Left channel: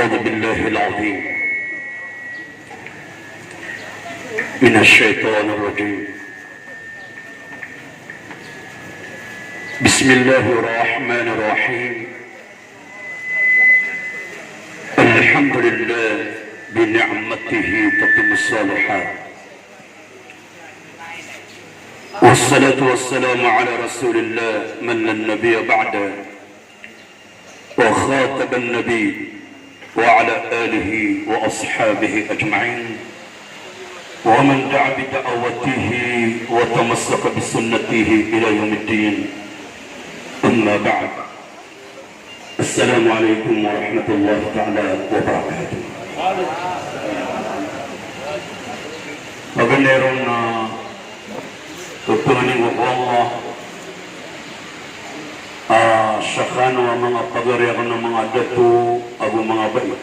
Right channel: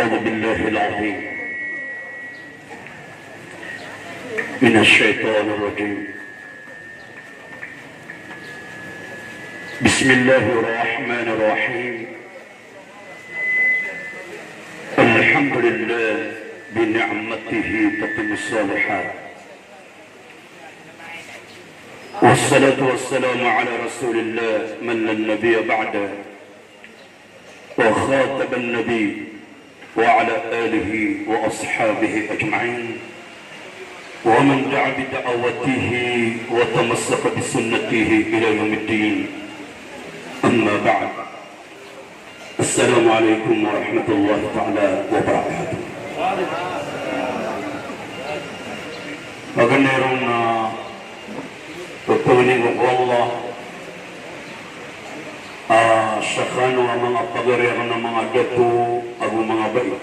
أعوذ بالله العظيم من الشيطان الرجيم. بسم الله الرحمن الرحيم. الحمد لله بنعمته تتم الصالحات، والصلاة والسلام على رسول الله من لا نبي بعده وخاتم النبي وعلى آله وأصحابه أجمعين ومن دعا بدعوته وتمسك بسنته إلى يوم الدين. أما بعد، السلام عليكم ورحمة الله تعالى وبركاته. Magandang tutunin ng Allah sakano ang mga pagarihan ng mga dato ang mga bayi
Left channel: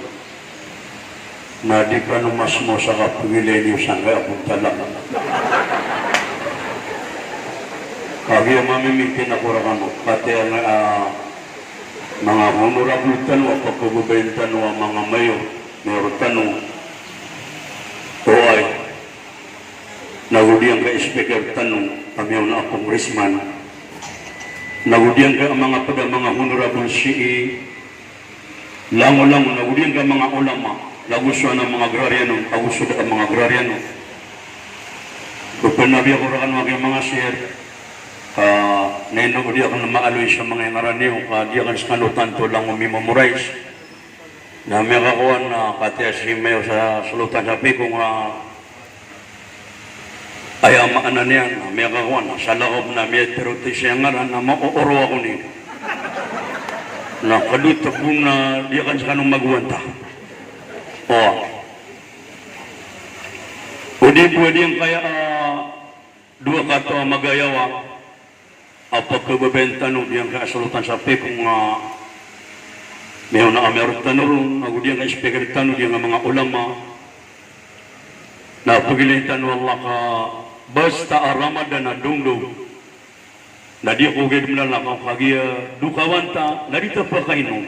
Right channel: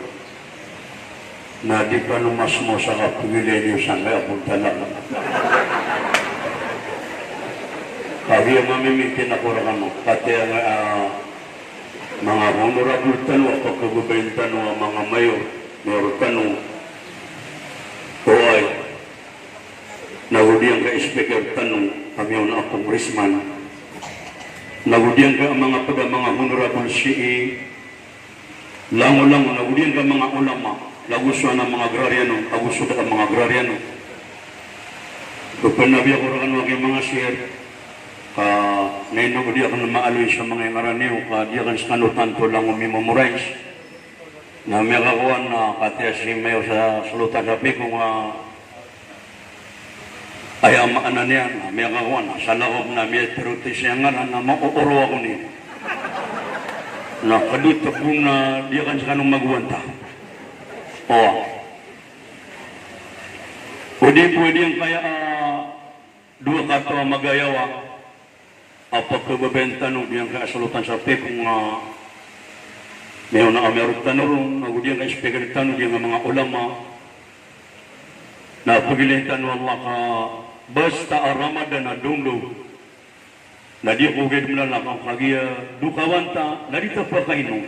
na di ka numas mo sa kapagilay niyo sa nga akong talang. Kagi ang mamimitin ako rin mo, pati ang mga honorable tanong o pagkagubayin tanong ang mga mayor, mayroon tanong o ay nagudiyan ka speaker tanong kami ang na congressman, nagudiyan ka ang mga honorable CE, lango-lango, nagudiyan ka mga ulama, laguso ng mga agrariano, laguso ka ang mga agrariano. Pagpanabi ako rin ang mga sir, ngayon nagudi ako ng maaloy sa mga ingaraniw, di ako sa kanutanto lang umimemorize. Na may kakuhan na katiya si Mayor sa salutan sabi kung ay amaan na niyan, may kakuhan, sa lakop na may peruti siya ngaran na mauuro ako niya. Na kadito kung di ako sa kanong magwanta. Pwede yung kaya dua kato magayawa pagkababenta nung diyan ka salutan sa kung mayroon na mayroon tanong na diyan ka speaker tanong diyan mga ulama na pagilay tanong Allah ka basta Ramadan na dungdong na di ko gawin na lang kagiya dukawanta na dito pa kayo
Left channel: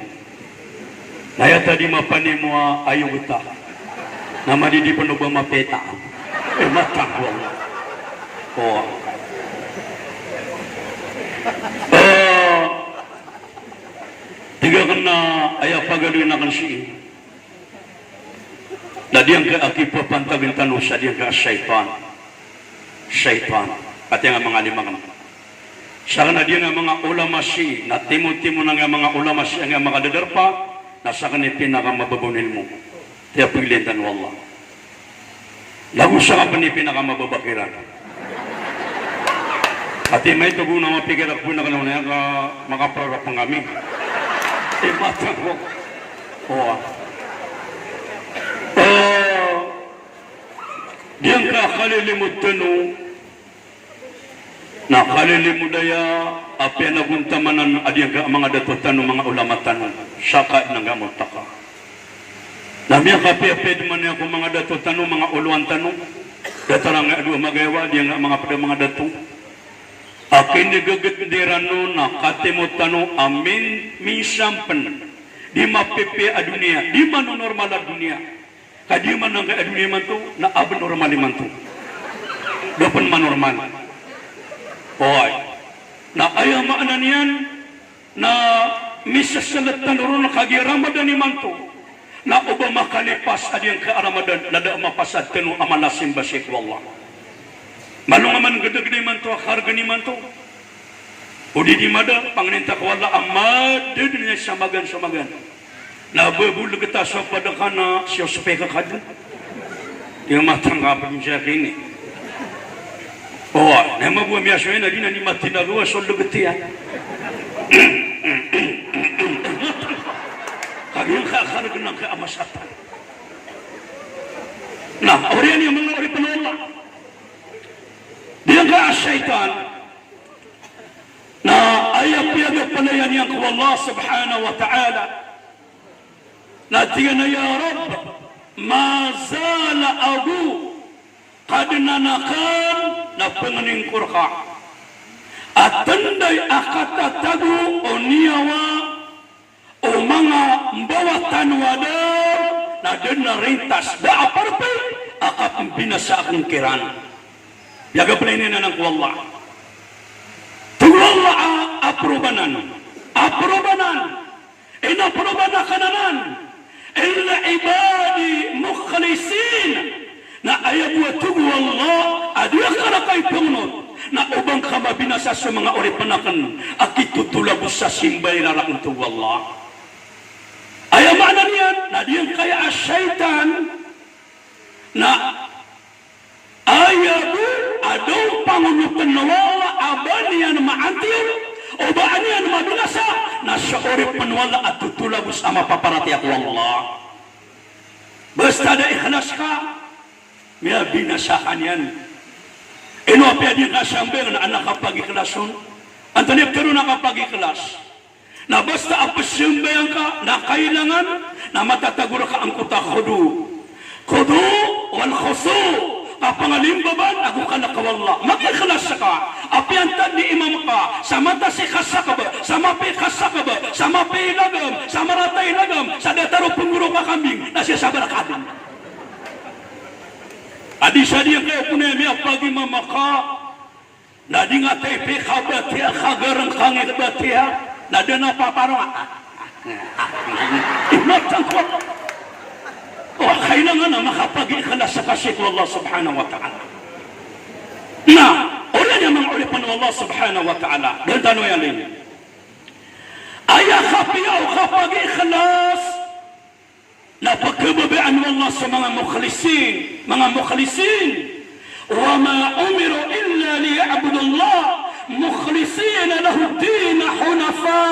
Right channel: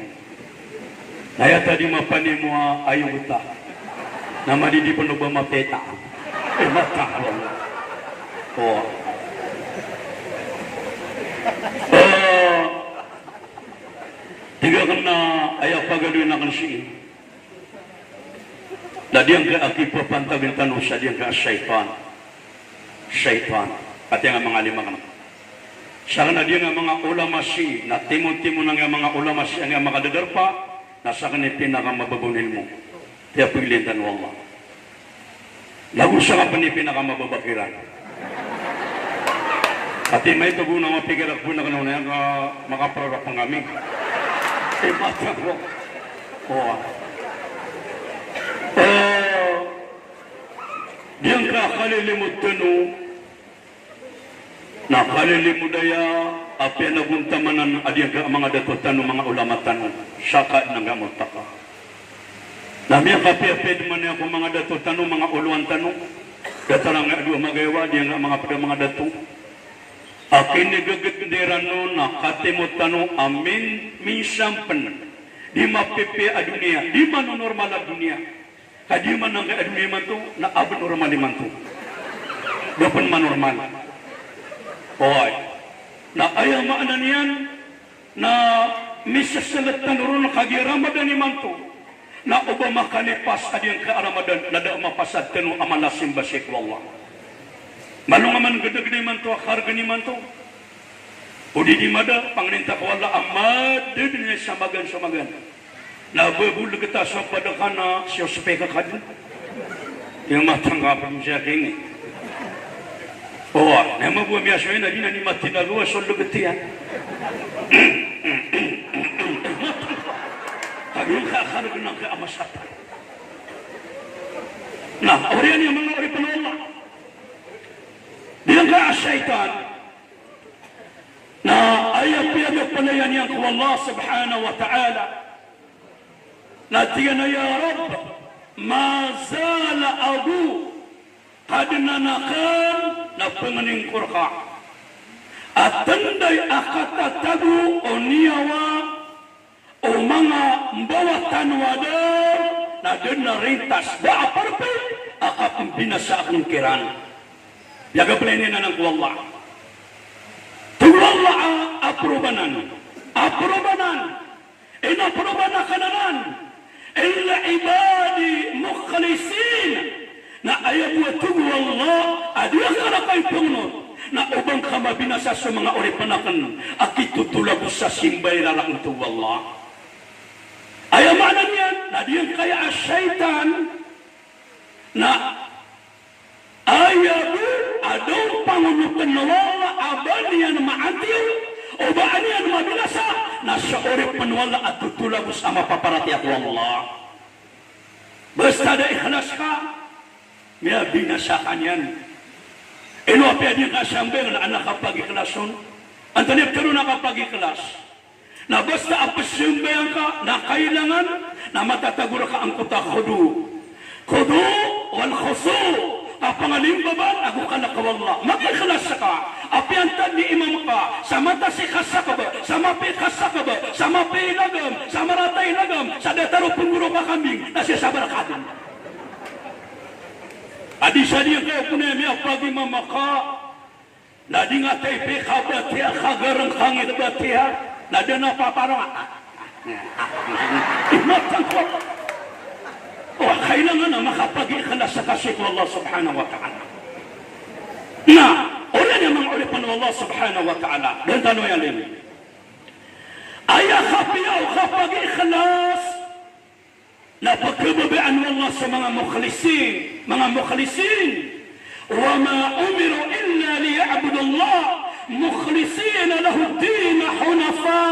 naya tadi mapani mo ayaw ita na madidi pa ba mapeta nakakwa tiga kan na ayaw pagaloy na kan siya na diyan ka akipa pantagin tanong siya diyan ka syaitan pati nga mga limang siya na diyan nga mga ulama siya na timo-timo na nga mga ulama siya nga mga dadarpa nasa kanil pinakamababunin mo tiya pilintan wallah lagu siya ka pa ni pinakamababakiran at may tugo na mapigirat po na kanong yan makaprarap ng kami mata ko diyan ka kalilimut tanong na kalilimut daya api naguntamanan adiyan ka mga dato tanong mga ulama tanong saka nagamot ka namiya kapi-api man niya kung mga dato tanong mga uluan tanong datarang nga dua magayawa diyan nga mga dato akin nagagatiran no na katimot tanong amin misampan di mapipi a dunia di man normal a dunia kadi man ang dunia man to na abnormal man to dapat man normal hoy na ayaw maanan yan na misasalat tanong na kagi Ramadan man to na uba makalipas adiyang ka Ramadan nada mapasad tanu amalasim basik wallah manong man gede-gede man to harga ni man to udi di mada panginta ko wala amad dinya samagan na bebul kita sa padakana siya supaya kad yung matang kapin siya kini na mabuwa miya siya na ni matinagawa so lugati kaging kakharag ng kaamasata na oriyan yung mga ori panala diyan ka syaitan na ayaw piyagat palayan yan ko Allah subhanahu wa ta'ala na tiyan na ya Rab ma zala agu kad nanakan na panganing kurka at tanday akatatagu o niyawa o mga mbawatan wada na dena rintas da aparpay akap binasa akong kiran. Yaga play na ng wallah. Tuwala aprobanan. Inaprobana kananan. Illa ibadi mukhlisin. Na ayat wa tuwallah adiya kana kay punot. Na ubang kama binasa sa mga oripanakan akit tutulabos sa simbay na lang tuwallah. Ayamanan yan, na diyan kaya asyaitan na ayabu adong pangunutan na wala aban yan maatir o baan yan mabinasa na sa orip panwala at tutulabos ang mapaparati at wallah. Basta na ikhlas ka, may binasakan yan. Inopya din ka siyang na anak kapag ikhlason. Ang tanip ka rin na kapag ikhlas. Na basta apasimbayan ka na kailangan na matatagur ka ang kutakhudu. Kudu wal khusu. Kapangalimbaban, ako ka nakawala. Makikhlas ka. Apiantan ni imam ka. Sa mata si khasa ka ba? Sa mapi khasa ka ba? Sa mapi ilagam. Sa maratay ilagam. Sa dataro punguro ka kambing. Na siya sabar ka din. Adi siya diya kayo punemi pagi mamaka. Na di nga tayo pikabatiya. Kagarang kangit batiya. Na din na papara. Inatan ko. Oh, kailangan na makapag-ikhlas sa kasih Allah subhanahu wa ta'ala. Na, ulan yung mga ulipan ng Allah subhanahu wa ta'ala. Dan tanong yan din. Ayaw kapiyaw kapag-ikhlas na pagkababaan mo Allah sa mga mukhlisin. Mga mukhlisin. Wa ma umiru illa liya'budullah mukhlisina lahu din hunafa.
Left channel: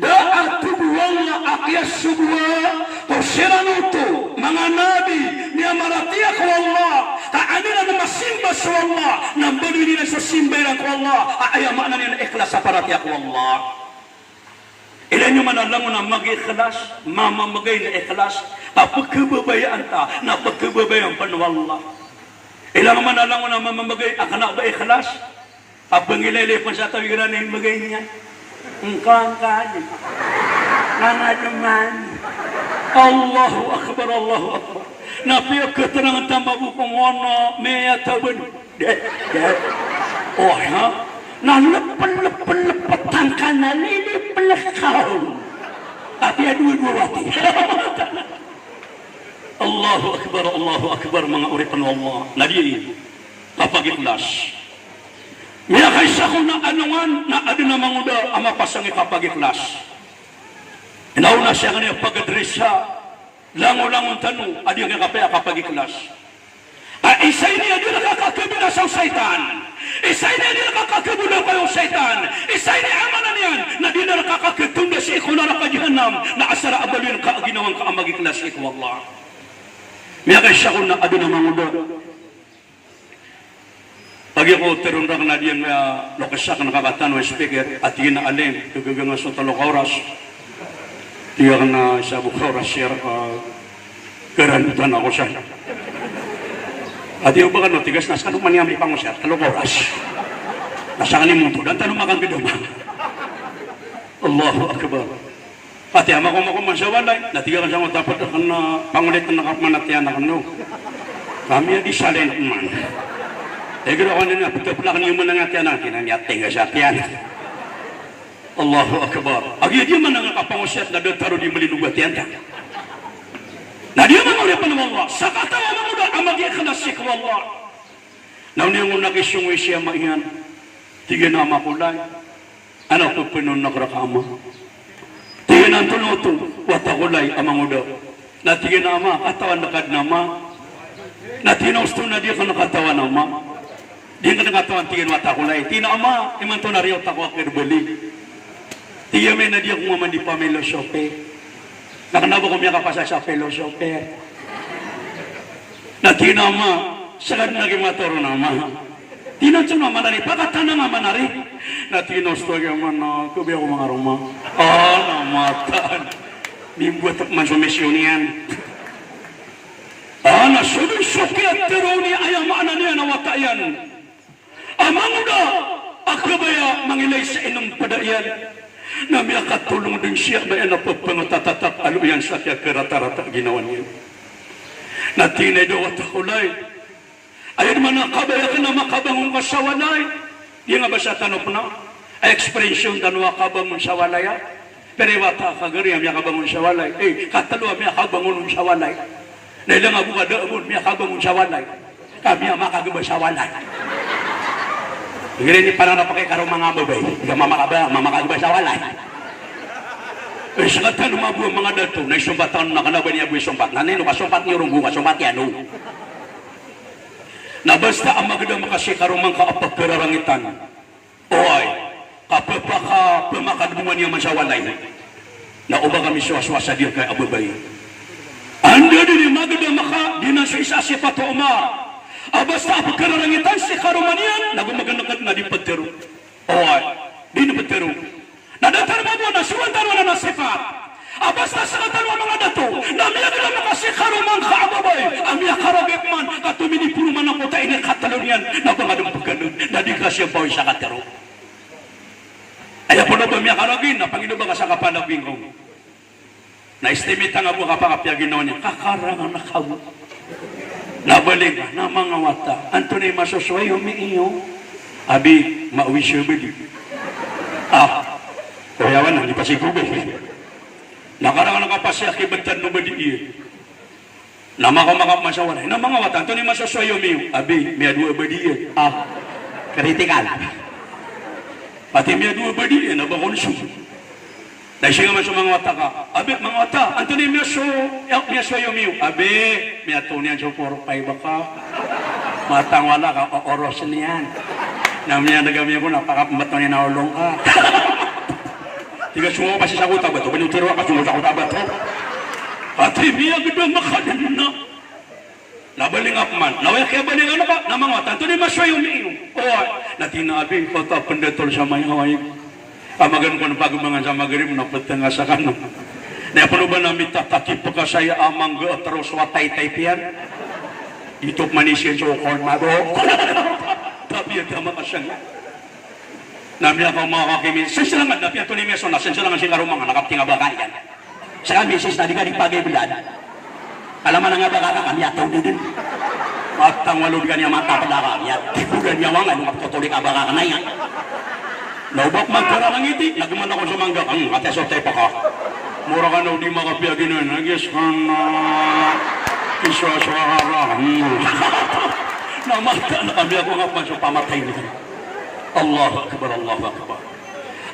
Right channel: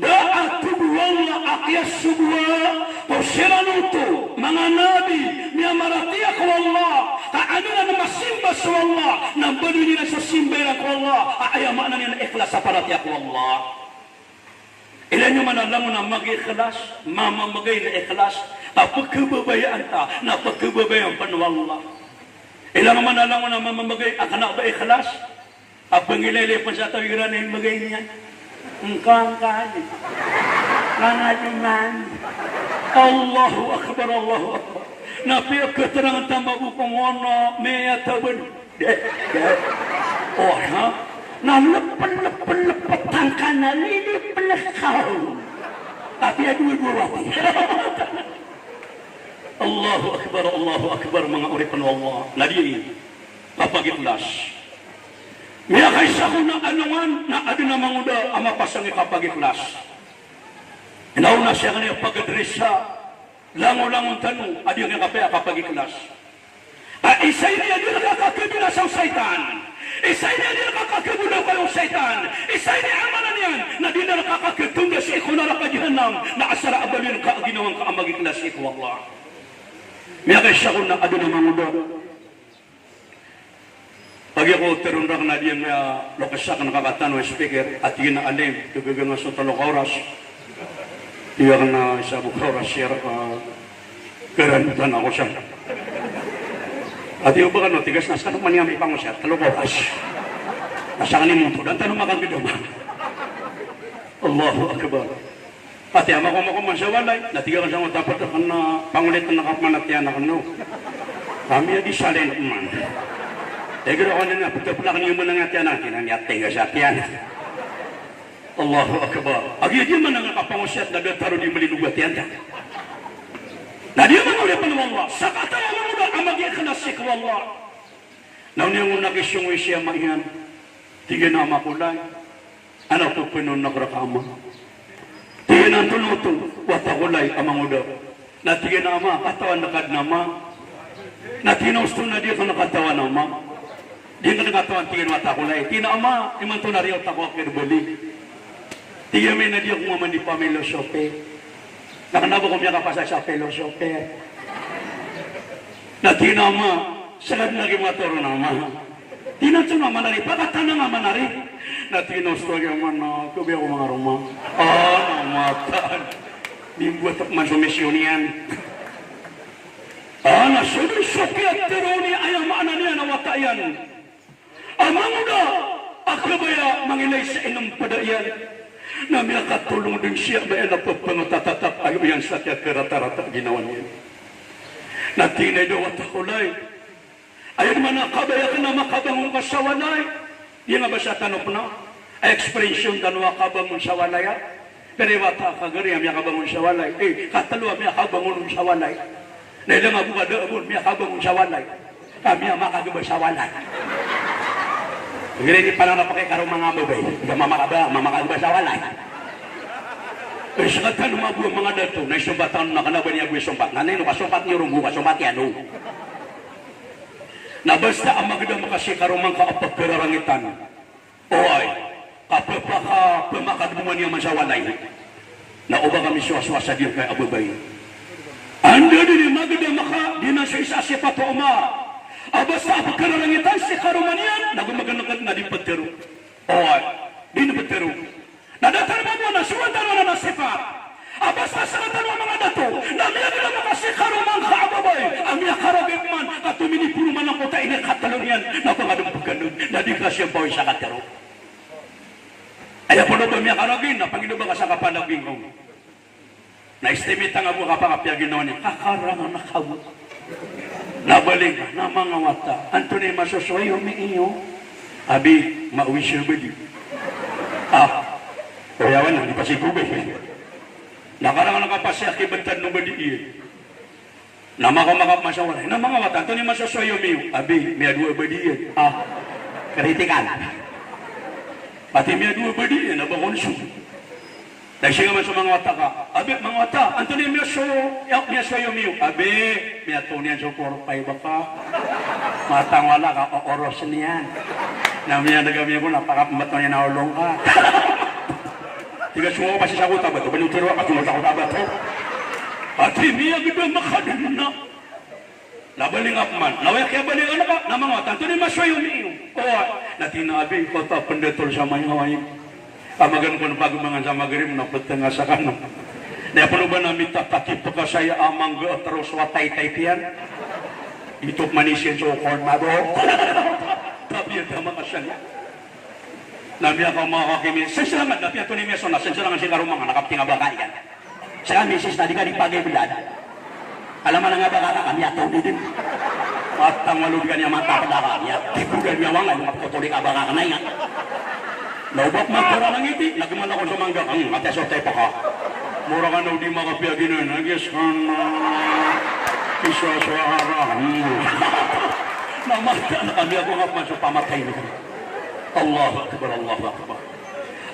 Da'at wala akyas subwa kusiranuto mga nabi niya maratiya ko Allah kaanina na masimba sa Allah nang bali nila sa simbayan ko Allah ayamanan nila ikhlas sa paratiya ko Allah. Ilan yung manalang na mag-ikhlas mamamagay na ikhlas kapagkababayaan ta na pagkababayaan panwala. Ilan yung manalang na mamamagay akanak ba ikhlas kapag ililipan sa tawiran na yung magay niya engkang kanin nga naman Allahu Akbar Allahu Akbar napiyak keterangan tambah bukong wana mea tabun oh ha na lepet-lepet kanan ini pelekau tapi ada dua wati Allahu Akbar mga uripan Allah nadi kapag ikhlas Mia kaisa ko ng anungan na ado na manguda ang mapasang kapag ikhlas. Inauna siya kanya pag-address siya. Lango-langon tanong, ado yung kapag ikhlas. Isay niya di nakakakibilas ang saitan. Isay niya di nakakakibula kayong saitan. Isay niya amanan yan na di na nakakakitunda sa ikulara ka jihanam na asara abalin ka ginawang ka ang mag-ikhlas iku Allah. Mia kaisa ko na ado na manguda. Pagi ko terundang na diyan na lokasya ka nakakatan ng speaker at yun na alim, tubigang nga sa talong oras. Tiyak na sa bukoras siya, karanutan ako siya. At yung baga no, tigas na sa kanong maniyami pang siya, talong oras. Nasa kanimuto, dan tanong makang bidaman. Allahu Akbar. At yung makumakuman siya walay, natigakan siya mo dapat ang pangulit na nakamanatiyan na kano. Kami yung isalin man. Egro ko na pagkaplak niyo mo na nga tiyan ang kinanyating sa tiyan. Allahu Akbar. Agi dia man nga kapangusyat na dotaro di malilugat yan ka. Na dia man ulit pa ng Allah. Sa katayan mo na ang mag-ikhlas ko Allah. Na niyo mo nakisungwi siya maingan. Tiga na makulay. Anak ko pinon nakrakama. Tiga na tunuto. Watakulay amang udaw. Na tiga na ama katawan nakad nama. Na tinusto na dia ka nakatawan nama. Di ka nakatawan tingin watakulay. Tina ama, iman to na rin takwa kirbalik. Tiga may na di ako maman di pamelosope. Nakanabo ko miya kapasa sa pelosope. Na tina ama, sagad na gimataro na ama. Tinoto na manari, pakatana nga manari. Na tinosto yung mana, kubi ako mga rumah. Namatan. Bimbuat at masumisyonian. Nasumisyoki at tironi ayam ana niya na watayan. Amang da akabaya mangilay sa inong padayan na miya katulong din siya na napagpangatatatap ano yan sa kaya karata-rata ginawa niya. Natinay daw at akulay. Ayun man ang kabayakan na makabangon ka sa walay. Yung nga ba sa tanong na? Ekspresyon danwa kabangon sa walay. Pero wata kagari miya kabangon sa walay. Katalo miya kabangon sa walay. Dahil nga buka doon miya kabangon sa walay. Kami ang makagaba sa walay. Ngayon, parang napakikarong mga babay. Ika mamakagba sa walay. Sa kata lumabu ang mga dato, na isumbatan na kanaban niya buwi sumpat. Nanay, no, kasumpat niyo rung buka, sumpat yan, no. Na basta ang magandang makasikarong mga kaapagpirarangitan. O ay, kapapaka pumakagbuman niya man sa walay. Na uba kami suwaswasa diyo kay ababay. Ando din yung magandang maka, di na sa isa si Pato Umar. Basta ako kararangitan si Karumanian, nagumaganakat na di patero. Di na patero. Nadatarma mo na, suwatan mo na sifat. Basta sa katarwa mga dato, namiya nila mga si Karuman kaababay, ang miya karagip man, at tuminipuro man ako tayo ni katalon yan, na pangadong pagganod, na di ka siya bawin sa katero. Ayaw po na ba miya karagin, na Panginoon ba ka sa kapanaging ko? Na-estimate ang abo kapangapya ginawa niya, kakarangan na kawo. Nabalik na mga wata. Anthony masusway umiinyo. Abi, mauwisyo ba di? Kuyawan na, di pa sigubay. Nakarang nakapasya kibatan mo ba di iya? Na mga masawaray. Na mga wata, Anthony masusway umiinyo. Abi, may adwa ba di iya? Kritikan. Pati may adwa ba di iya? Nabakonsyo. Dahil siya nga sa mga wata ka, abi, mga wata, Anthony miyaso yumiyo, abi, miyato niyan so 4-5 ka, matang wala ka, oros niyan. Namiyan nagamiya ko, napakamat niya na ulong ka. Tiga sumo pa siya sa kuta ba ito, banitiro ka, tulog ako ba ito? Pati miya gito makanan na. Nabaling ako man, nawaya kaya balingan na ka, na mga wata, Anthony miyaso yumiyo. Natinabing kota pendetol sa may haway. Pamagan ko na pagumangan sa magarim na patanga sa kanon. Daya pa ba namin tatakip pa saya amang terus watay-tay piyan? Itok manisyan sa ukol na do. Tapi yung tama ka siya. Nami ako mga kakimin. Sensilangan na piyan ito ni Meso na sensilangan si Karumang nakapting abakan yan. Sa kami sis na di ka di pag-ibilan. Kalaman nga ba ka kami ataw din. At ang walod ka niya matapalakan niya. Tikudan niya wangan magtutulik abakan na yan. Naubak man ko ng ngiti, nagman ako sa mangga. Ate sotay pa ka. Mura ka na di makapiyagin nun. Nagis ka na iswa-swahara. Namata na kami ako nga man sa pamatay nito. Allahu Akbar, Allahu Akbar.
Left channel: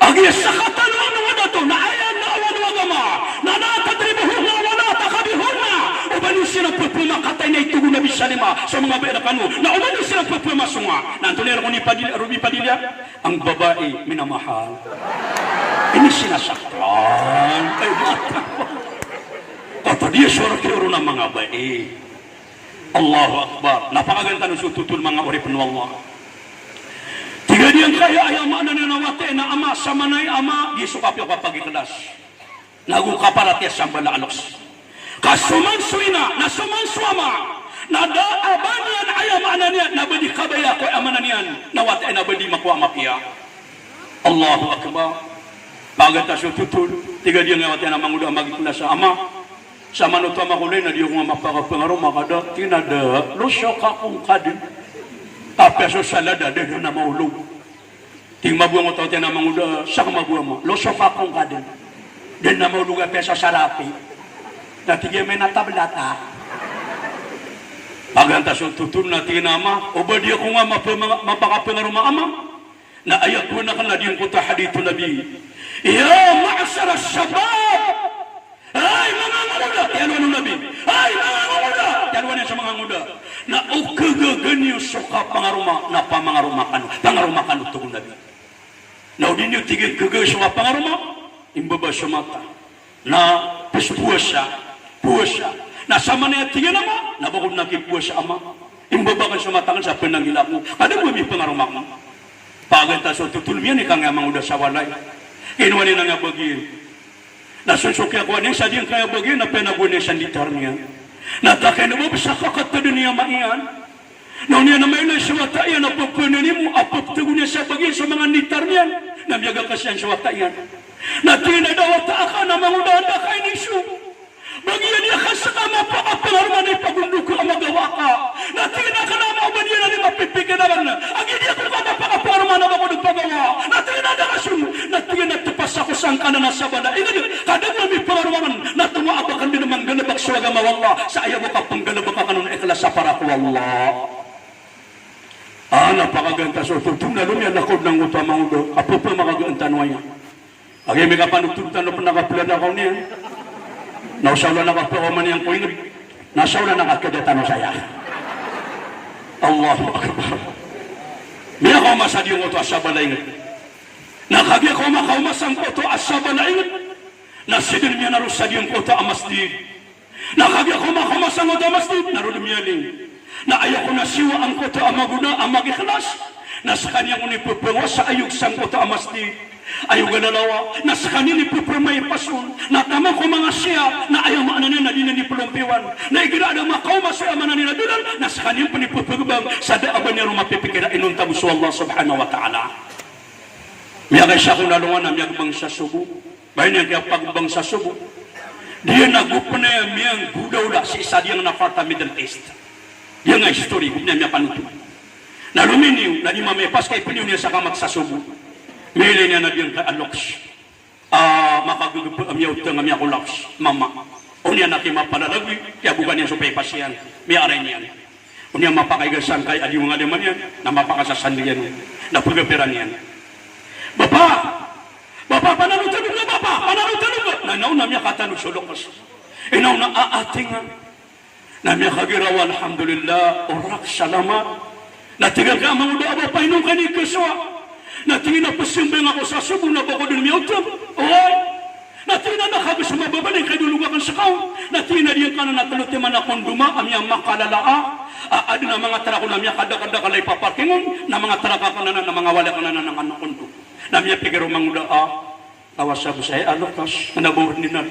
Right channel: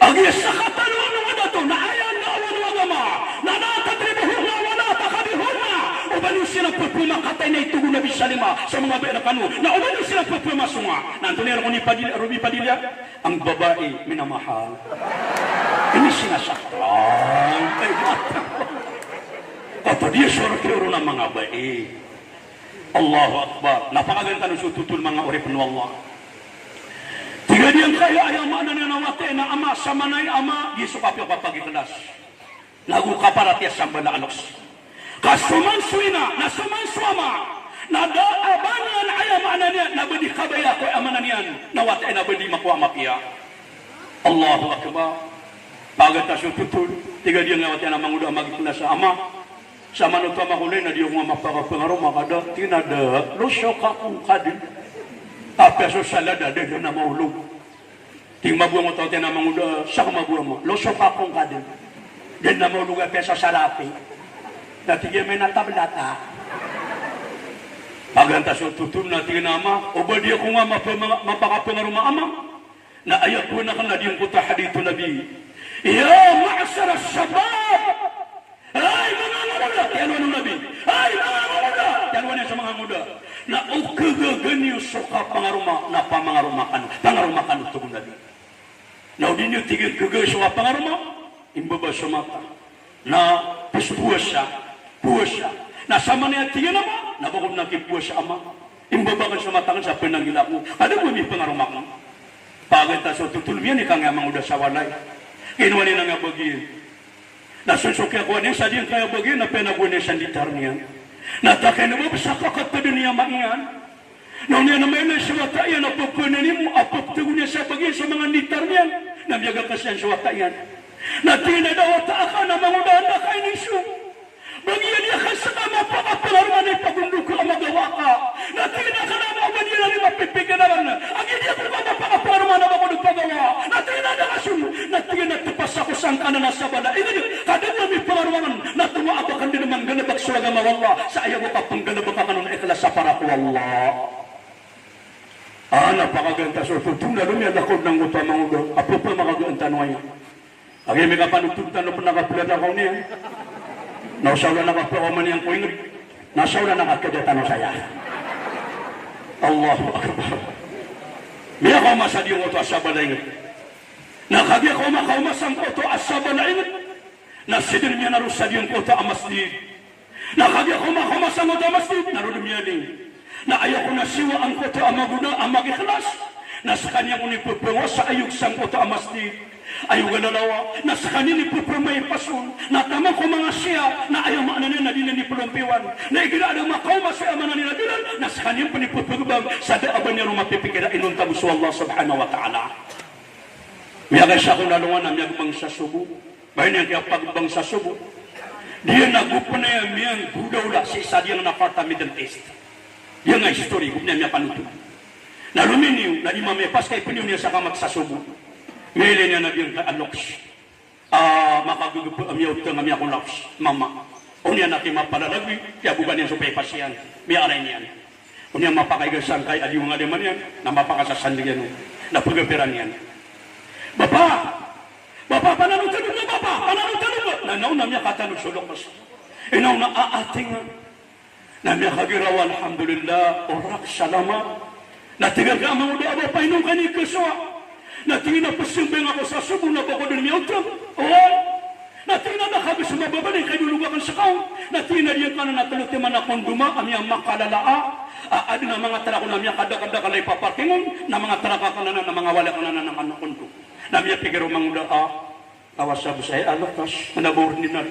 Agis sa katanong mga dato, na ayan na awan wagama, na natadribuhun na wala takabihun na. Ubanin sila pupumakatay na itugo na bisalima sa mga berakano. Na ubanin sila pupumasunga. Nantunin ako ni Ruby Padilla, ang babae minamahal. Ini sinasaktan. Ay, mata. Ito dia suara-suara ng mga bae. Allahu Akbar. Napakaganda ng sututul mga urip ng Allah. Tiga diyang kaya ay ama na nanawate na ama sa manay ama, Yesu kapyo kapag ikilas. Nagukaparat ya sa balalos. Kasumansuina, nasumansuama, nadaabanyan ay amanan niya, nabadi kabaya ko amanan niyan, nawat ay nabadi makuha mapiya. Allahu Akbar. Bagat na sututul, tiga dia ngawat yan ang manguda magikina sa ama. Sa manutama ko na di ko nga mapakapangaro, makada, tinada, lusok akong kadin. Kapeso salada, dito na maulog. Ting mabuha mo tayo na manguda, sa kumabuha mo, lusok akong kadin. Din na maulog ang peso salapi. Natigyan may natablata. Paganta sa tutun na tinama, o ba di ako nga mapakapangaro ama? Na ayat ko na ka na din ko tahadito nabi. Ya ma'asara shabab! Ay mga muda! Yan ano nabi? Ay mga muda! Yan ano sa mga muda? Na ukagaganyo suka pangaruma na pangarumakan itong nabi. Na udin yung tigil kagay sa pangaruma, imbaba sa mata. Na pusa. Na sama na yung tigil ama, nabakot na kipuwa sa ama. Imbaba ka sa mata sa pinangilak mo. Ano mo may pangarumakan? Paganta sa tutulmiyan, ikaw nga mga muda sa walay. Kinuha niya nga bagay. Nasusukya ko niya sa diyan kaya bagay na penagunin sa litar niya. Natakay na mo sa kakat na dunia maiyan. Noon niya na may nasuwata yan, apagpunin mo, apagtugo niya sa bagay sa mga litar niya. Nabiyaga ka siya sa wata yan. Natina daw taaka na mangudanda kay nisu. Bagian dia kasama pakapengaruhan ni pagunduk ko magawa ka. Natina ka na mo bagian ni mapipiganaran. Agi dia ko pakapengaruhan na magunduk pagawa. Natina da kasun. Natina tepas ako sang kana sa bala. Ina kada mo mi pengaruhan natuwa abakan din manggalabak sa agama Allah. Sa ayaw ko panggalabak kanon ikhlas sa para ko Allah. Napakaganda so tutun na lumya nakod ng utama ko. Apo pa makaganda noya. Agi may kapanutugtan na pinakapilad ako niya. Nausawla na kapawaman niyang kuingod. Nasawla na kakadatan saya. Allahu Akbar. Miya ko masad yung oto asaba na ingat. Nakagya ko makaumasang oto asaba na ingat. Nasidin niya narusad yung oto amasdid. Nakagya ko makaumasang oto amasdid. Narulum niya ling. Na ayaw ko na siwa ang oto amaguna amagikhlas. Nasa kanya ko ni pupungo sa ayog sang oto amasdid. Ayaw ganalawa, nasa kanila ipupumay pasun, natama ko mga siya, na ayaw maananin na din ni pulumpiwan, na iginaan ang makaw masaya maananin na din, nasa kanila panipupugubang, sa daaban niya lumapipikira inunta mo sa Allah subhanahu wa ta'ala. Miyagay siya kung nalungan na miyagbang sa subo, bayan niya kaya pagbang sa subo, diyan nagupo na yan miyang gudaw na si isa diyang nafarta Middle East. Yan nga history, kung niya panuto. Naluminiw, na di mamipas kay piniw niya sa kamag sa subo. Mili niya na diyang ka-aloks. Makagugupo ang yaw ito ng amya kulaps. Mama. Unya na kimapalalagwi. Kaya bukan niya supay pasyan. May aray niyan. Unya mapakaigasan kay adi mga liman yan. Na mapakasasan niyan. Na pagapiran niyan. Bapa! Bapa, pananutanong na bapa! Pananutanong na! Nanaw na miya katanong sulukas. Inaw na aating nga. Na miya kagirawa, alhamdulillah. Urak salama. Natigal ka mga doa ba painong kanikaswa. Natingin na pasimbang ako sa subo na bako din miyotong. Oo. Natingin na nakabis mababalin kay dulugakan sa kaon. Natingin na diyan ka na nakalutiman akong duma, amiyang makalalaa. Adi na mga tara ko na miya kada-kada kalay papatingon, na mga tara ka na na mga wala ka na ng anak ko. Na miya pigaro mangula, kawas sa busay, alakas, nabuhod ni na.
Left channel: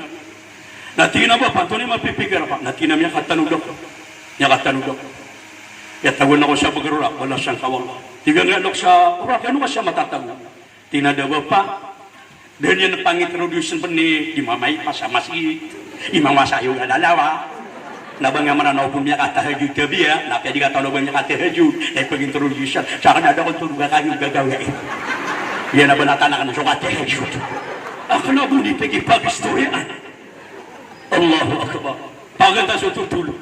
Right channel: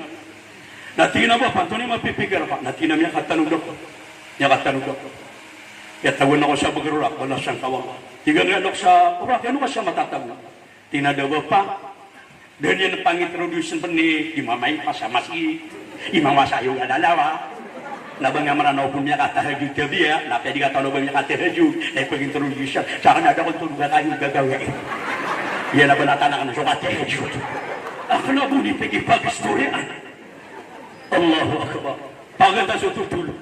Natingin na ba, panto ni mapipigar pa. Natingin na miya katanong ako. Miya katanong ako. Kaya tawon ako sa bagarura, wala siyang kawang. Tiga ngalok sa urak, ano ka siya matatag? Tinadawa pa. Dan yan pangintroduction pa ni Imamay Pasamasi, Imamasayo na dalawa. Nabang nga mananaw po niya katahajud gabi ya, na pwede katalogan niya katahajud, pag-introduction. Saka na daw kung kayong gagawin. Yan na ba natanakan siya katahajud? Ako na po ni pag-istoryan. Allahu Akbar. Paganda sa tutulog.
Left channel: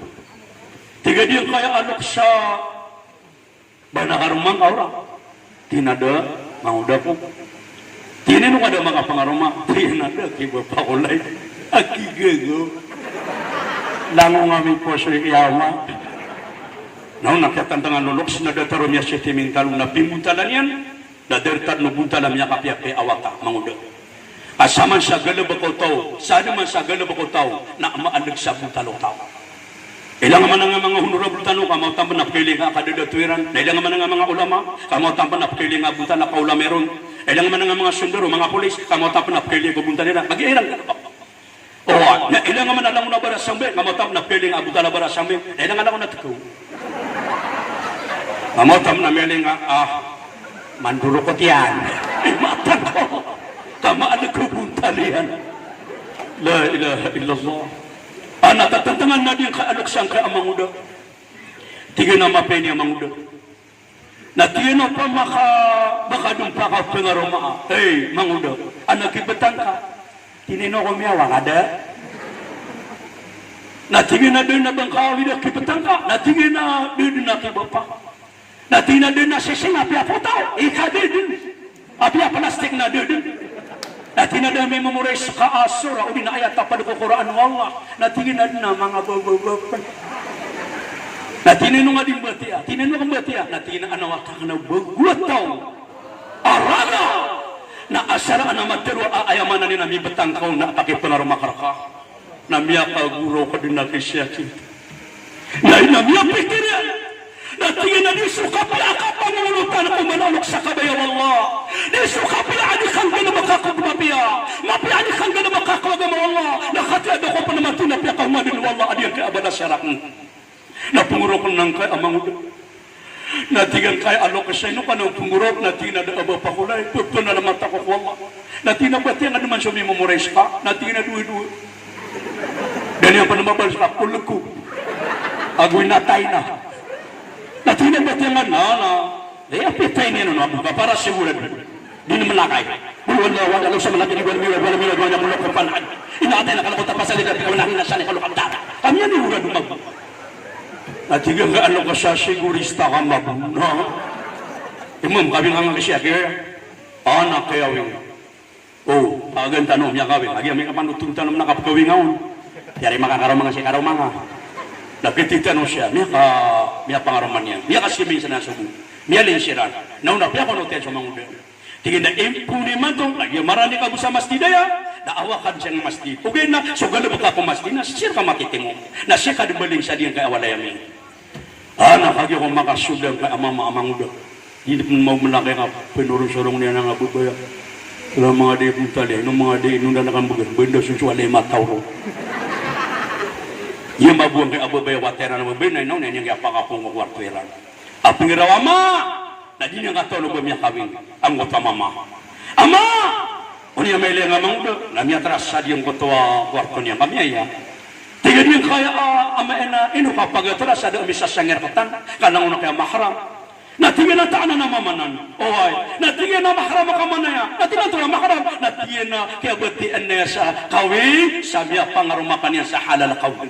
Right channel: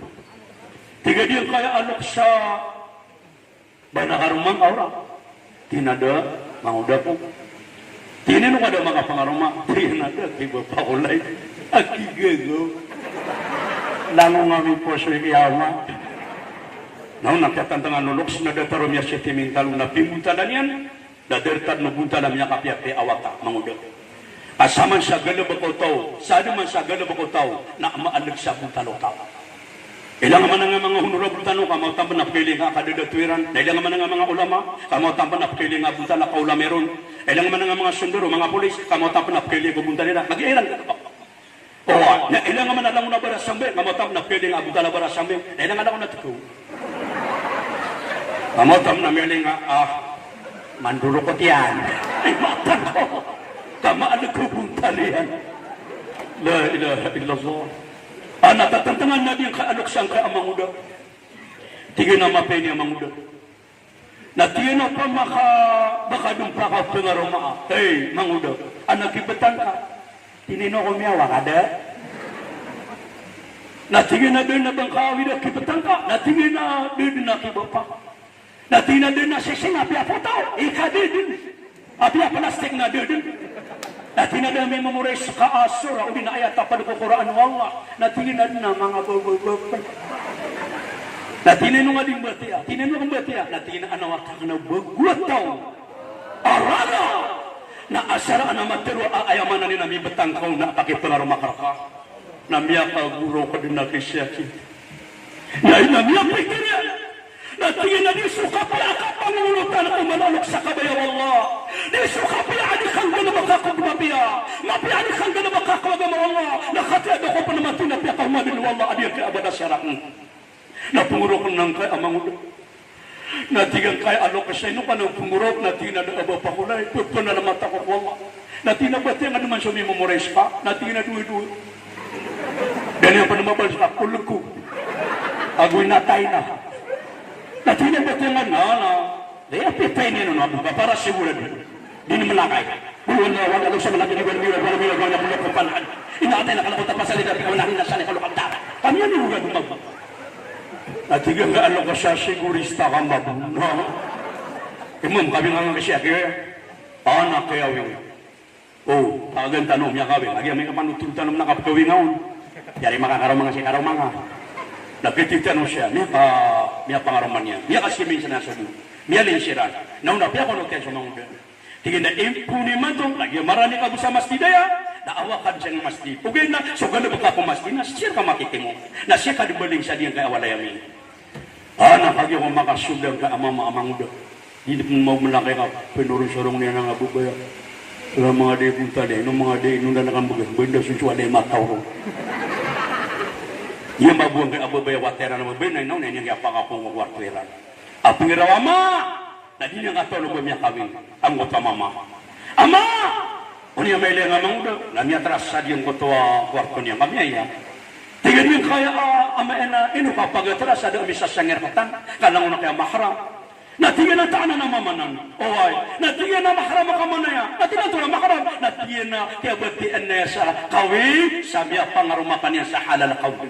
Tiga diyan kaya alok sa banakarumang aura. Tinada, mauda po. Tinin mo kada mga pangarumang. Tinada, kibor pa kulay. Akigago. Lango nga may po siya iyawa. Naon nakatantangan nuloks na dataro niya siya timintal na pimuntalan yan. Dadertad no buntalam niya kapiapi awata, mauda. Asaman sa galabakaw tao, sana man sa galabakaw tao, na maalag sa buntalo tao. Ilang man nga mga honorable tanong, kamaw tampan na piling nga kadadatuiran. Ilang man nga mga ulama, kamaw tampan na piling nga bunta na kaulameron. Ilang man nga mga sunduro, mga polis, kamaw tampan na piling nga bunta nila. Mag-iirang ka pa. O, ilang man alam na bara sambil, kamaw tampan na piling nga bunta na bara sambil. Ilang alam na tiko. Kamaw tampan na piling nga, manduro ko tiyan. Matang ko. Tamaan na ko bunta niyan. La ilaha illallah. Natatantangan na din kaalaksan ka ang manguda. Tingin na mapeni ang manguda. Na tingin pa baka doon pa ka pingaroma. Hey, manguda, nakibatan ka. Tinino ko miyawa ka da. Natingin na doon na bang kawin na kibatan ka. Natingin na doon na kibapa. Natingin na doon na sising api apo tao. Ika din. Api plastik na doon. Natingin na may memorize sa kaasura o dinayat tapad ko Quran Allah. Natingin na mga bababab. Natingin nga din batia. Tingin nga batia. Natingin na anawata ka na bagulat tao. Arana! Na asara na matero ayaman na nina may batangkaw na pakipunar makaraka. Na miya kaguro ko din na kisyaki. Na miya pikirin. Natingin na di sukapi akap pangulutan kung manalok sa kabayaw Allah. Di sukapi adik kang makakabnabiya. Mapiadik kang makakabama Allah. Nakatiada ko pa naman tinapya kang madin Allah. Adik ka abada syarak. Napunguro ko ng kay amang ulo. Natigan kay alok sa ino ka ng pumurot, natina na aba pakulay, puto na naman tako wala. Natina ba tiyan na naman siya ni memorize ka, natina duwi-duwi. Ganyan pa naman ba sa kulog ko. Agoy natay na. Natina ba tiyan na, apitay niya na nabuka para sigurado. Di naman lakay. Wala lang sa mga wala kumpanan. Inakatay na kalakot pa sa lidat, wala hinasa ni kalukang data. Kami yan yung ulan mag. Natigang ka ano ka sa sigurista ka mabun. Imam, kami nga nga siya, kaya anak kaya wing. Agan tanong niya kawing. Lagi kami kapanutun tanong na kapagawing ngayon. Yari makakaramang siya karamang. Napititanong siya, miya pangaraman niya. Miya kasi minsan na sabi. Miya linsiran. Nauna, piya ko notiyan sa mga uber. Tingin na impuni man ito. Lagi marali ka sa masjidaya. Naawakan siyang masjid. Ugay na, so galubot ka kung masjid na siya ka makitingo. Na siya ka dumaling sa diyan kay awalay amin. Nakagi ko makasublang kay amang do. Hindi mo malaki ka, pinurong-surong niya ng abubaya. Wala mga day punta day, nung mga day, nung dalakan bugan, benda susualay mataw ko. Yung mabuang kay abubaya watera na mabinay, nung nanyang yapang akong magwartweran. Aping rawa ma! Na di niya nga tulog niya kawing, ang utamama. Ama! Kung niya may liang amang do, namiya tras sa diyan ko tuwa kwarto niya kami ay tingin niyo kaya ama ina ino kapag-atras sa dami sa sangerkatan, kanang una kaya mahram. Natingin na taan na mamanan. Oy, natingin na mahram ka manaya. Natingin na mahram. Natingin na kaya batian na sa kawin, sabi ang pangarumakan niya sa halal kawin.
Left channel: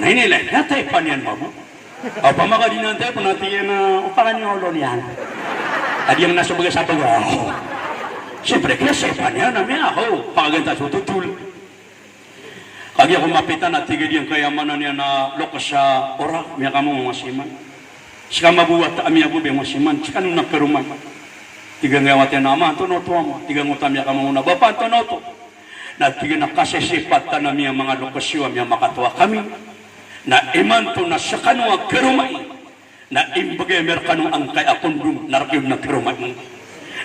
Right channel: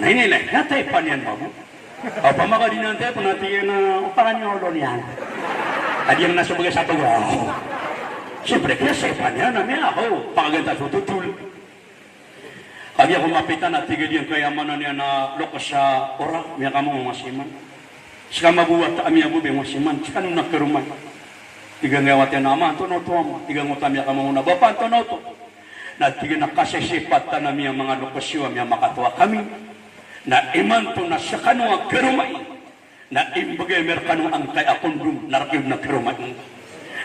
Nainilay, natay pa niyan mo. Apa makadinan tayo, natingin na parang yung ulo niyan. Adi ang nasa bagay sa pag siyempre, kaya sepan niya na niya ako. Pagaganda sa tutul. Kagi ako mapitan at tigid yung kayamanan niya na lokas sa ora. Miya ka mo mga siman. Sika mabuhat kami ako mga siman. Sika nung nagkaruman. Tiga ngawat yan naman. Tunoto mo. Tiga ngutam niya ka mga nabapan. Tunoto. Natiga na kasisipat na miya mga lokasyon. Miya makatuwa kami. Na iman to na sa kanong karumay. Na imbagay merkanong ang kay akong narakib na karumay.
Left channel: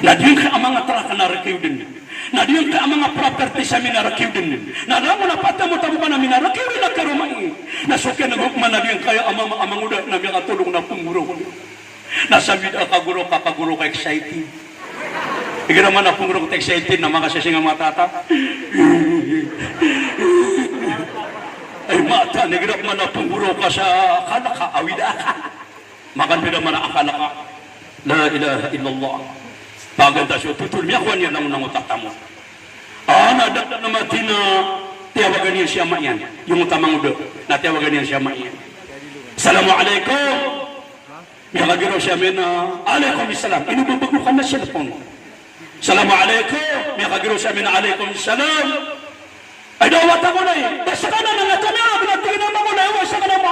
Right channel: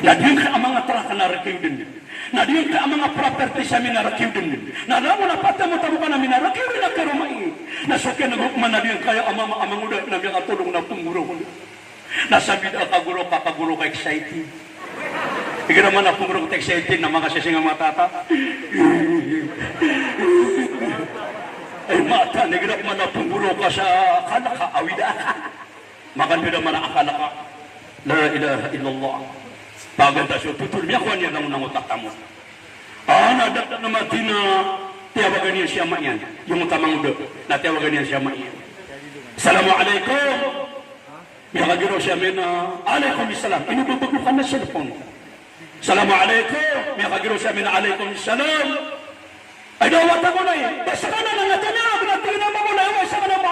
Na diyan ka ang mga traka na rakiw din. Na diyan ka ang mga property sa minarakiw din. Na alam mo na patamo ka na minarakiw din na karumay. Na sukya na gukman na diyan kaya ang mga udat na mga tulong na pumuro. Nasabi na kaguro ka excited. Ika naman na pumuro ka excited na mga sasing ang matata. Ay mata, nagirap man na pumuro ka sa kalaka, awida ka. Maganda naman na akala ka. La ilaha illallah. Paganda siya, tutulmiakwan niya lang ng utak mo. Nadak na mati na tiyawagan niya siya mayan. Yung utamang udo, na tiyawagan niya siya mayan. Assalamualaikum. Yakagiro siya min, alaikum salam. Inubabaglukan na siya po. Assalamualaikum. Yakagiro siya min, alaikum salam. Ay dawat ako na eh. Basta ka na nga tanap. Natingin mo na iwas sa kanama.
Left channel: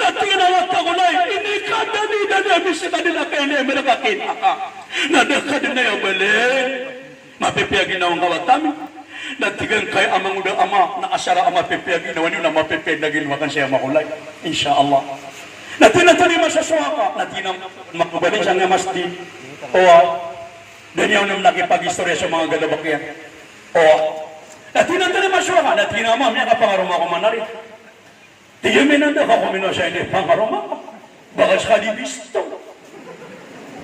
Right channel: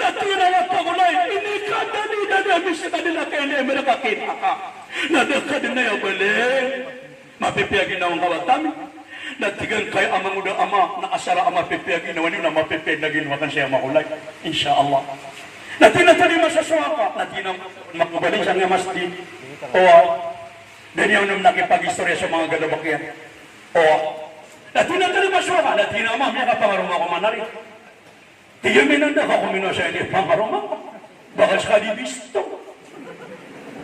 Natingin ako na eh. Hindi ka dali sa kanila kayo na Amerika kinaka. Nadakad na yung bali. Mapipiyagin na ang kawatami. Natigan kay amang uda ama. Nakasara ang mapipiyagin na wani na mapipiyag na ginawakan siya makulay. Insyaallah. Natinatali masaswa ka. Natinang makabalik siya nga masdi. Daniel nung nakipag-istorya sa mga galabakyan. Natinatali masaswa ka. Natinama niya kapangaruma ko manari. Tiyamin na ka kumino siya ini pangaruma ko. Bakas ka di bisto.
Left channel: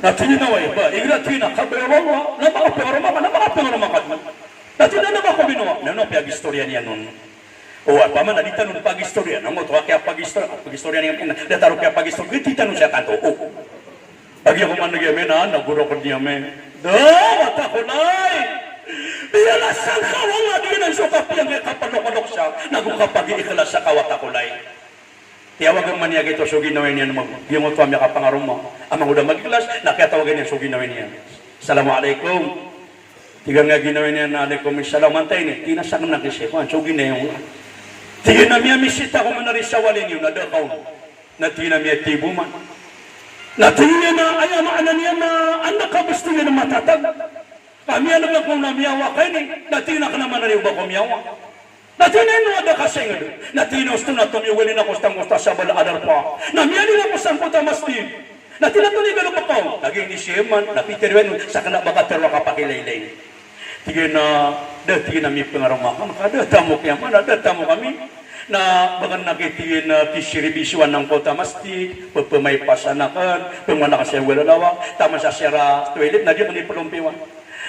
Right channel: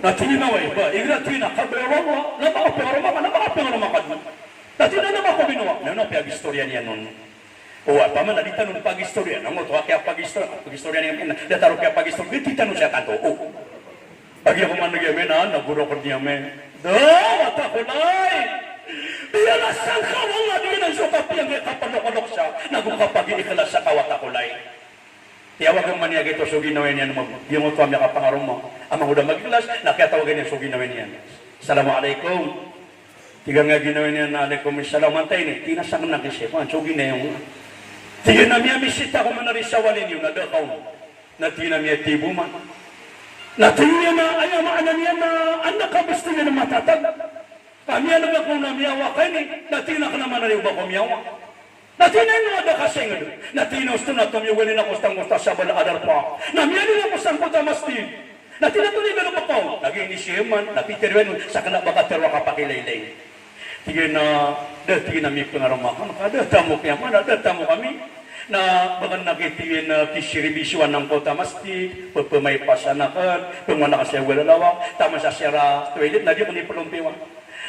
Natinaway ba? Ignatina, kabarama, napakapangarama ka, napakapangarama ka. Natinana ba ko binuwa? Pag-istorya niya nun. Paman, nalita nun pag-istorya. Namo, tuwa kaya pag-istorya niya. Dataro kaya pag-istorya. Nitita nun siya kanto. Lagi ako man nagyamin naguro ko niya may. Mata ko na'y! Iyalasan ka, wala din ang suka piyang kapanok-anok siya. Nagukapag-iikalas sa kawata ko na'y. Tiyawag ang maniya ito, so ginawin niya naman. Yung mo kami kapangarom mo. Ang mga udang magilas, nakatawagan niya, so ginawin niya. Assalamualaikum. Tiga nga ginawin niya na alaikum salam. Antay niya, kinasang nakisipan, so ginawin. Tiga na miya misita ko manarisawalin yun, nadakaw. Natina miya tibuman. Natina na, ayan na niya na, anak ka gusto niya na matatag. Kami alam na kung namiyawa kayo ni, natina ka naman na rin ba kumiyawa. Natina na ada kasing ado. Natina gusto na tumiyawalin na kustang-kusta sa balaadar pa. Namiyali na kusang puta mastin. Natina to ni galap ako. Naging ni Sieman, napitirwen sa kanabakaterwa kapakilaylay. Tigin na, tigin na may pangaramakan. Kada tamo kaya man, kada tamo kami. na bagan nakitiin na pisiribisuan ng kota mastik, pagpamay pasanakan, pangwana ka siya walalawa, tama sa sira toilet, na di ko ni pagumpiwan.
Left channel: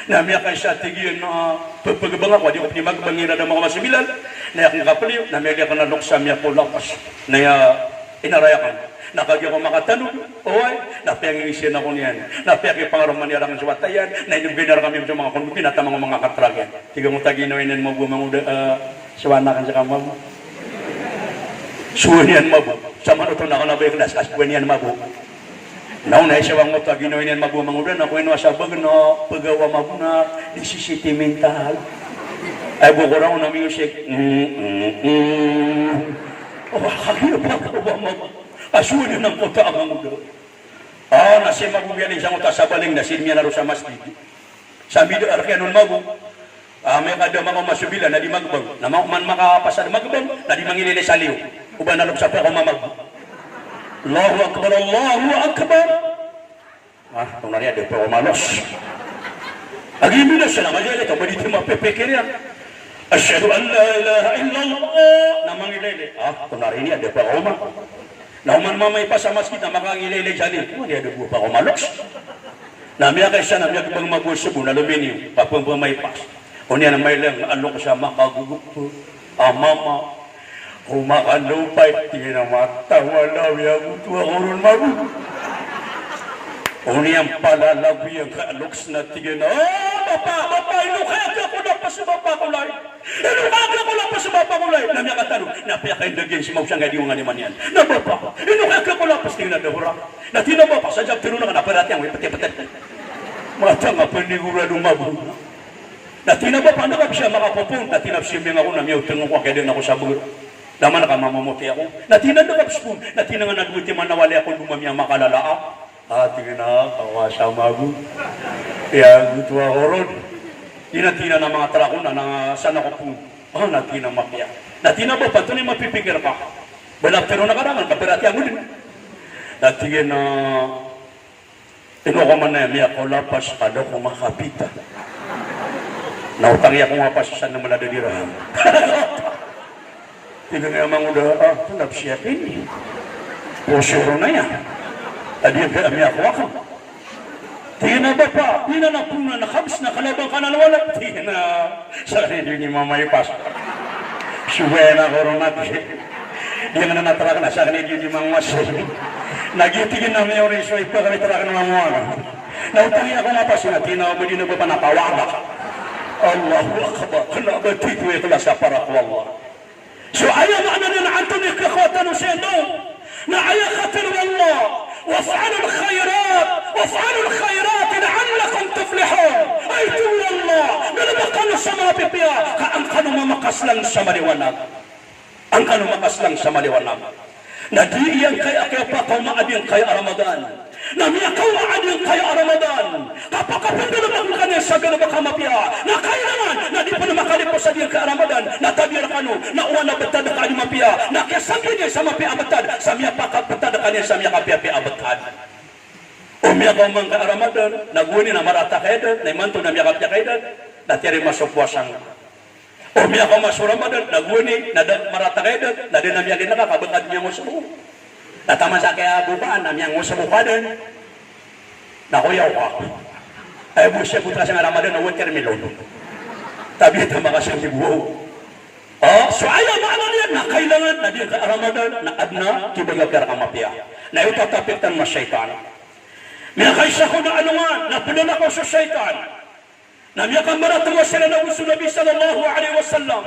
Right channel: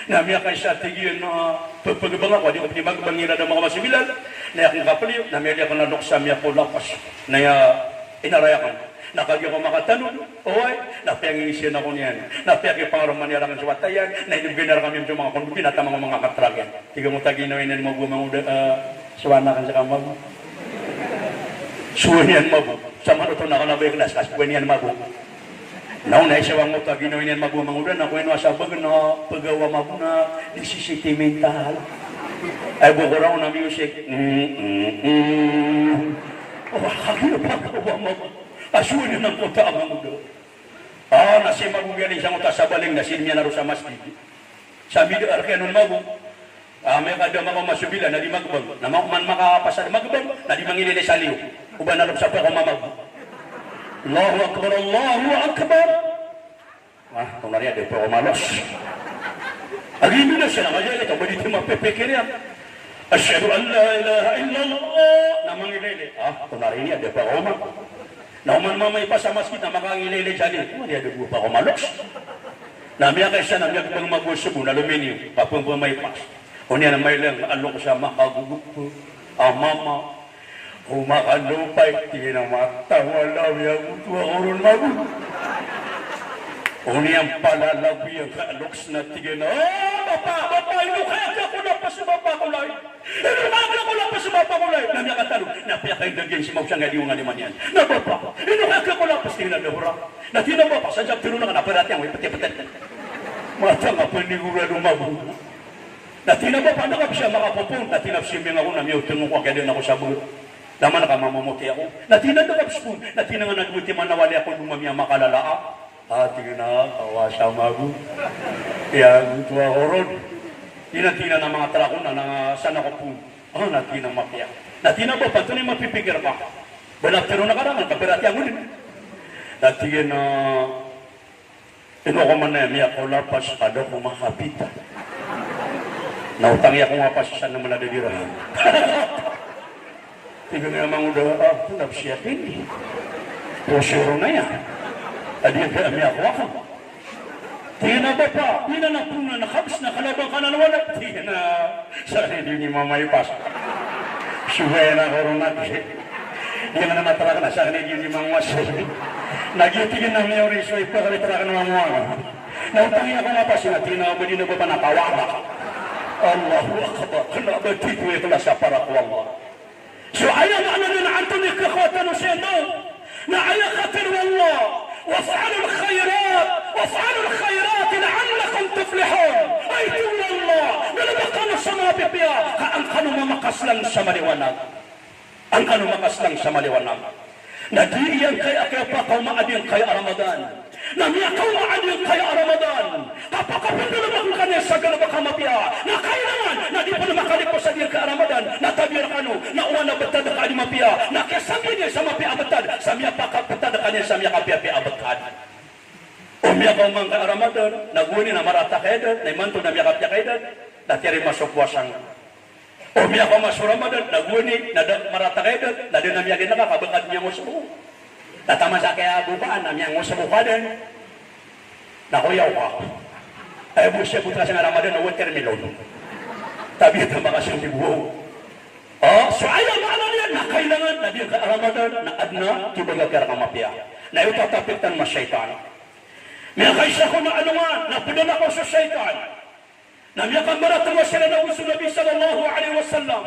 Namiya kay sa tigil na pagpagabang ako, di ko pinagbangira ng mga masimilal, na akong kapaliw, namiya ka nanok sa miya po lakas, na inarayakan. Nakagya ko makatanong, oy, napiyangisiyan ako niyan, napiyaki pangarong manirakan sa watayan, na inubinar kami sa mga kongupin at mga katragan. Tiga mo taginoinin mo bumang suwanakan sa kamag. Suwanian mabu, sama ito nakalabay kelas, kasbuanian mabu. Nauna isawang mo taginoinin magumang udan, ako ino asabag na pagawa mabu na disisiti mental. Ay bukurang na music. Oh, kami na pagawa mabu. Asunin ng kota ang mga doon. Nasi magugaling sa kota sa baling, nasilmiya na rin sa masjid. Sabi doon, arkanun magu, may kada mga masubila na di magbang, na man makapasar magbang, na di mangilili sa liw. Uban na rin sa peka mamag. Allahu Akbar, Allahu Akbar. Kung nariya, di pa umalos. Agimi na siya na kaya ito, balito mapipikir yan. Asyadu an la ilaha illallah. Na mangilili. Kung nariya, di pa umalos. Nauman mamay pa sa masjid na makangililig sa nil. Hindi ada bupa ko malos. Namiya kay siya na nagbang magusubo na lumini. Kapag pumaypas. Kung yan ang may lang, ano ka siya makagugukto. Mama, kumakalupay. Tingin na matawalaw yung tuwa ko rin magu. Kung yan palalabi ang kaaloks na tingin na, Bapa, inukagya ko lang pa sa bapa ko lang. Inukagya ko lang pa sa bapa ko lang. Namiya katanong, napiya kayo nagyan si Mausang ngayon nga naman yan. Na bapa, inukagya ko lang pa sa tingin na dahura. Natina bapa, sadyak tinunang na naparat yan, may pati-pati. Mata nga panigura lumabu. Natina bapa, nakap siya makapupong. Natina siya mga ko na may utang ko, kaya din ako sa bulo. Lama na ka mamamuti ako. Natina nakap siya, natina nga nagbuti manawali ako lumamiyang makalala. Tingin na, kawasa magu. Kaya gusto ako ron. Tinatina ng mga trakon na sana ko po. Natina makiya. Natina ba, pato na mapipigir ka. Balaptero na karangan, kapirati ang ulit. Natingin na, ko man na, may ako lapas, kado ko makapita. Nautang iya ko nga pasasan na maladadirahan. Tingin na yung mga udah, napsiyatin. Posero na yan. Tadi yang kami aku akan. Tina bapa, tina na puna na kabis na kalabang ka na nawala. Tina sa hindi ni mamay pas. Suwe na koron natin. Dia na natarakan na sa hindi ni mamay mas. Nagitingin namin yung reso ito kami tarakan ng mga mga. Nautangin ako na pas na tina mo din na bapa napawaga. Allahu Akbar. Kenapa titu ikhlas para Allah. So ayaw maana na antun ikakatan sa ino. Na ayaw khatir wallah. وافعلوا الخيرات لعلكم تفلحون أي تولى الله من مقام السماء ببيا كأن كانوا مقصلا سمري ونام أن كانوا مقصلا سمري ونام ندي yang kaya patau maadin kaya Ramadan namia kau maadin kaya Ramadan kapag pinagmamakan niya sa ganun baka mapia na kailangan na di pa na makalipos sa diyan kaya Ramadan na tabir kanu na uwan na betad na kanya mapia na kesangin niya sa mapia betad sa miya pakapetad kanya sa miya kapia betad umia kau mang kaya Ramadan naguni na marata kaya na imanto na miya kapia kaya na tiyari masuk puasang umia kau masuk Ramadan naguni na marata kaya na din na miya ginaka kabekad niya mo subuh Natama sa kaya bukaan namin ang usa bukadan. Nakuyaw ka. Ay busya putra sa Ramadan na water melon. Tabi ito mga siyang dibuo. So ayaw maano niya na kailangan na diyo ka Ramadan na adna tibagagkar ka mapya. Na itatapitan na syaitan. May kaisa ko na ano nga, napunan ako sa syaitan. Na miya kang maratang sila na gusto Nabi sallallahu alaihi wasallam.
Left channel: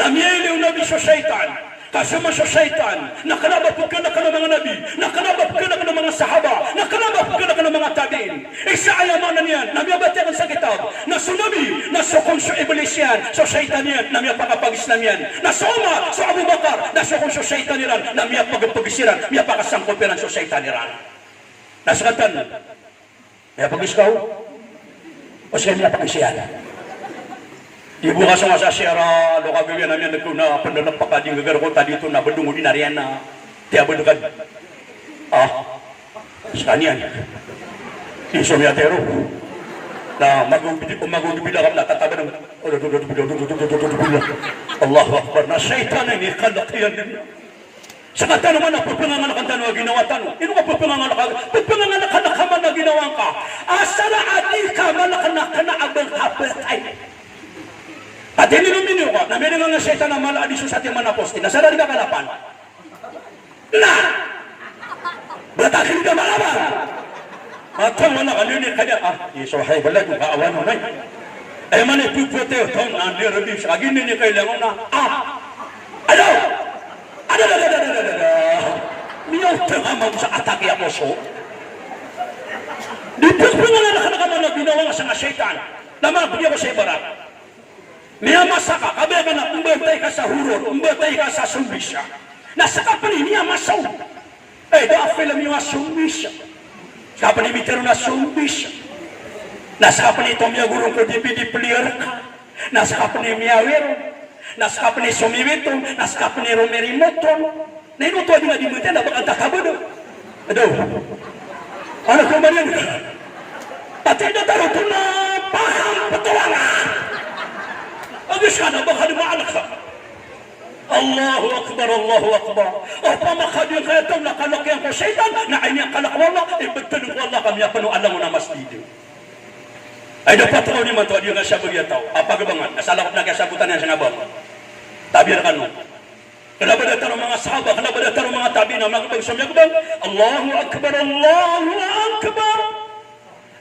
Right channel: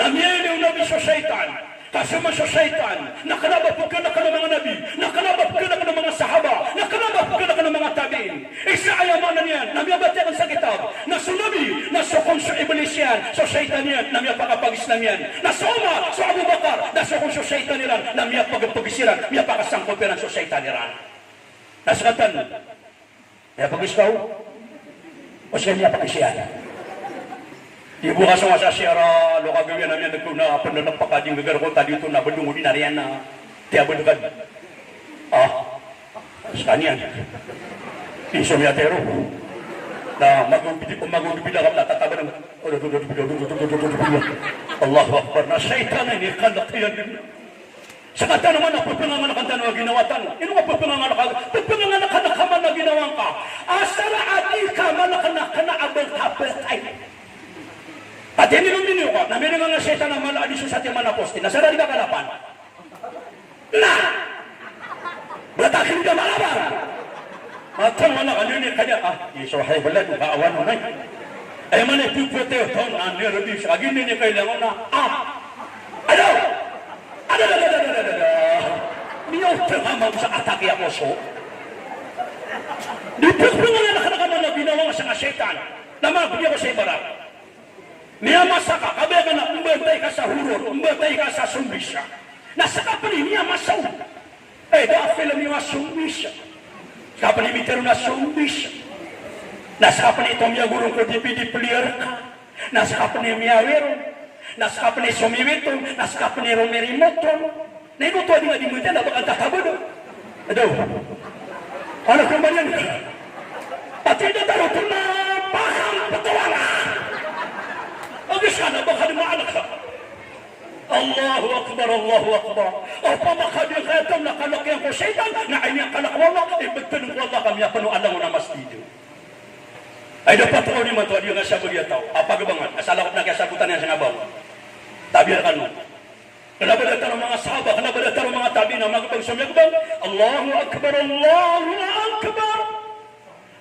Na miya iliw Nabi sa syaitan. Kasama sa syaitan, nakalabap ka na ka ng mga nabi, nakalabap ka na ka ng mga sahaba, nakalabap ka na ka ng mga tabiin. Isa ayaman na niyan, nabiyabatiyan sa kitab, na sunabi, na sukong sa iblis yan, sa syaitan yan, na miya pagapag-islam yan, na sa Umar, sa Abu Bakar, na sukong sa syaitan yan, na miya pagapag-isiran, miya pakasangkopiran sa syaitan yan. Nasakatan, miya pag-iskaw, o siya miya pag-isiran. Ibu ka sa siyara, lo kagawin namin na pandalang pakading gagarko tadi ito na badungo din nariyan na tiyabalugad. Saan yan? Insomniatero. Na magugubila ka na tataba ng Allahu Akbar. Na syaitan ini kalakian din. Sa kata naman na pagpangangalakan tanong ginawa tanong. Ino ka pagpangangalakan? Pagpangangalakan na kaman na ginawa ka. Asa na ati ka malakanak ka na abang kapatay. At hindi namin yun ka. Namin nga syaitan na mala adisyo sa ating manaposti. Nasara di ka kalapan. Na! Batakin ka malabang! Matang wala ka nini kanya. Isuhay balay kung kaawan mo na. Ay man ipupote o tong na nirabim siya. Agin nini kailangan na. Ano? Niyaw tengah sa atake ako so. Di pagpangalakan na kaman na ginawa sa syaitan. Namabigyan ko sa ibarat. Niya masaka, kabiya ka na umbatay ka sa hurot, umbatay ka sa sumbisya. Nasaka pa niya masaw. Dahil lang yung sumbisya. Saka pa nimitero na sumbisya. Nasaka pa nito miya gurong ko dipidiplir ka. Nasaka pa niya miyawero. Nasaka pa niya sumiwito. Nasaka pa niya romerimotron. Nainuto di nga dimutin na bakang takabo do. Aduh. Ano ko man yan? Pati na taro ito na pakang patulangan. Agis ka na baka dumaanak ka. Allahu Akbar, Allahu Akbar. O pamakadiyang kaya ito nakalakyan ko syaitan na ay niyang kalakwala. Ibagtanong ko Allah kami ako alam mo na mas dito. Ay dapat ko ni man ito adiyo nga siya bagya tao. Apagabangan. Nasalakot na kaya sagutan niya siya nabang. Tabir ka nun. Kenapa datang mga sahabat, kenapa datang mga tabi'in na mga sumyagbang? Allahu Akbar, Allahu Akbar.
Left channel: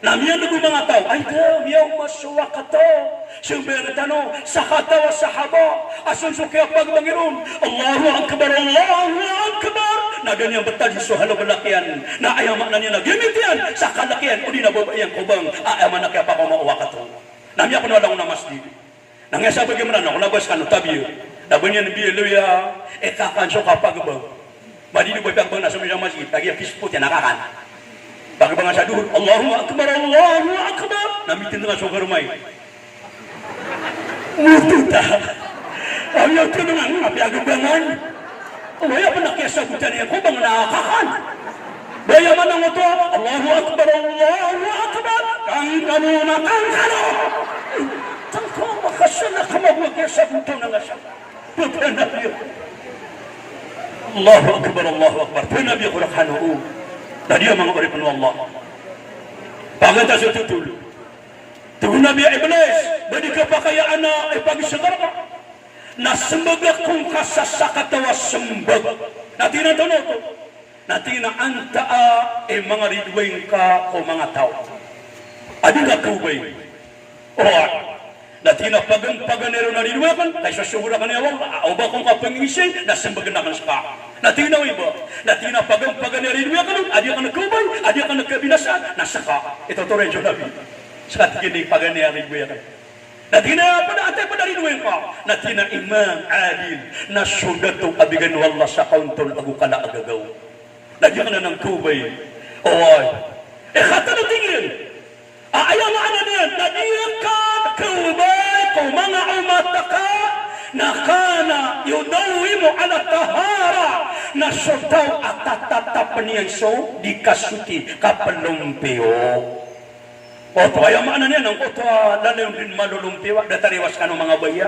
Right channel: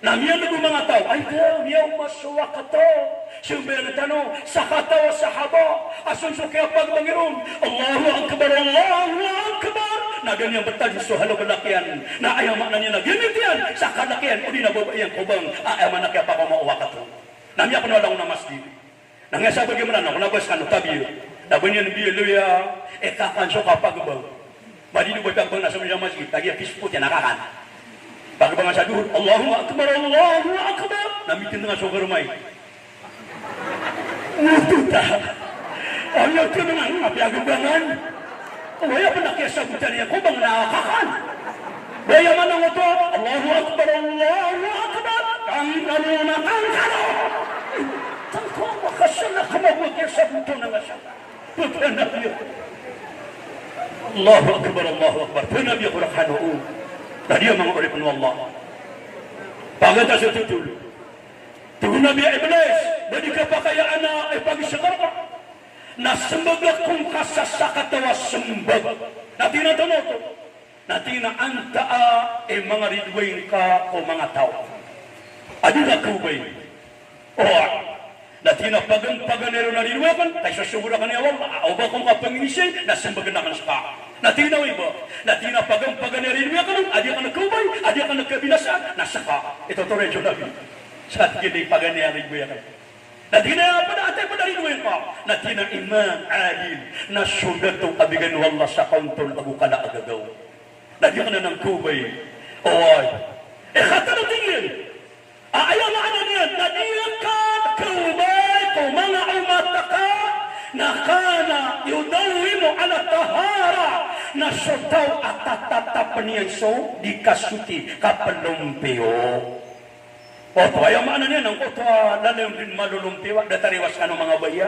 Namiyan na mga tao, ay daw, yaw masuwa ka to. Siyempre tanong, sa katawa sahaba, asun suki apag Panginoon. Allahu Akbar, Allahu Akbar. Na ganyan bertali so halo kalakian, na ayamak na niya na gimitian, sa kalakian, o di na babayang kubang, ayaman na kaya pa kumauwa ka to. Namiyan ko na lang na masjid. Nangyasa bagaimana, nabas ka no tabiyo. Nabanyan biya luya, kakanso kapag ba? Madini ko pang nasa mga masjid, lagi ang kisput yan nakakan. Bagaimana sa duhur, Allahu Akbar, Allahu Akbar. Namitin nga sa karumay. Mututa. Ayaw ko naman, napiagabangan. Umaya pa nakiyasagutan niya ko bang nakakakan. Baya man ang ito, Allahu Akbar, Allahu Akbar. Kang na kang kano. Tangko, makasala ka magmakiyasagutan na nga siya. Allahu Akbar, Allahu Akbar. Nabi ko rakhanu. Dan dia menguripkan Allah. Paganta sa tutul. Tugun Nabi Iblis. Badi kapakayaan na pagi sekarang. Nasembaga kung kasasakatawa sembag. Nati na tanong ko. Nati na anta mga ridwain ka o mga tao. Adi ka kubay. Nati na paganero na ridwakan. Kaya sasubura ka niya wala. O ba kung kapangisin. Nasembaga na kang spa. Natinaw iba, natina pagan-rin mo ka adi ka nagkubay, adi ka nagkabinasa, nasaka. Ito to rin yung nabi. Sa ating hindi pagan-rin mo yan. Natina rin mo ka, natina imam adil, na sugat itong abigan wala sa kauntol bago ka na agagaw. Adi ka na ng kubay. Oy, kata na tingin. Ayaw na ano niyan, nadiyan ka, kubay, kung mga umata ka, nakana yudawimu ala tahara na sotaw at tatatapan niya so di kasuti kapalumpiyo. O kaya maana niya nang ito lalayon din malulumpiyo datariwas ka ng mga baya.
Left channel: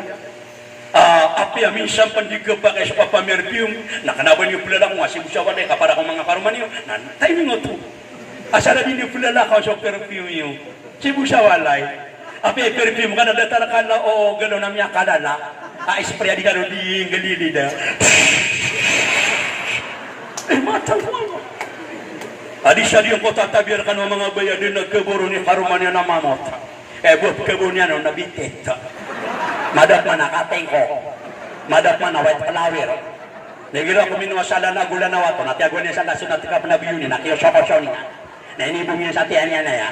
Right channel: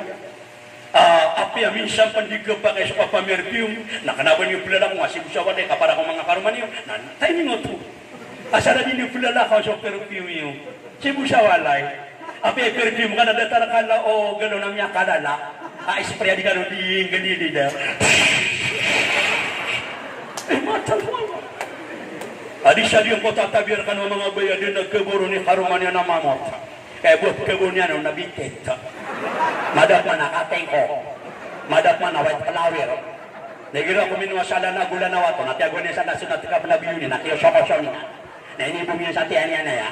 Api minsan pandigaba kay sa papamerpium nakanaban yung pulala mo asib siya walay kapara kong mga karuman niyo nan timing ito. Asara din yung pulala ka sa perfume niyo. Sibu siya walay. Api perfume ka na datarakala o gano'n na niya kalala. Spray di karo di galili dah. Mata mo. Adi siya yung kota tabir ka ng mga baya din nagkaburo ni karuman niya na mamot. Buat kebun niya na nabitit. Madat man nakateng ko. Madat man na white flower. Nagiro ko minwasala na gula na wato. Natiago niya sa nasunat ka panabiyo niya. Nakiyo-siyo niya. Na inibong niya sa tiyan niya na ya.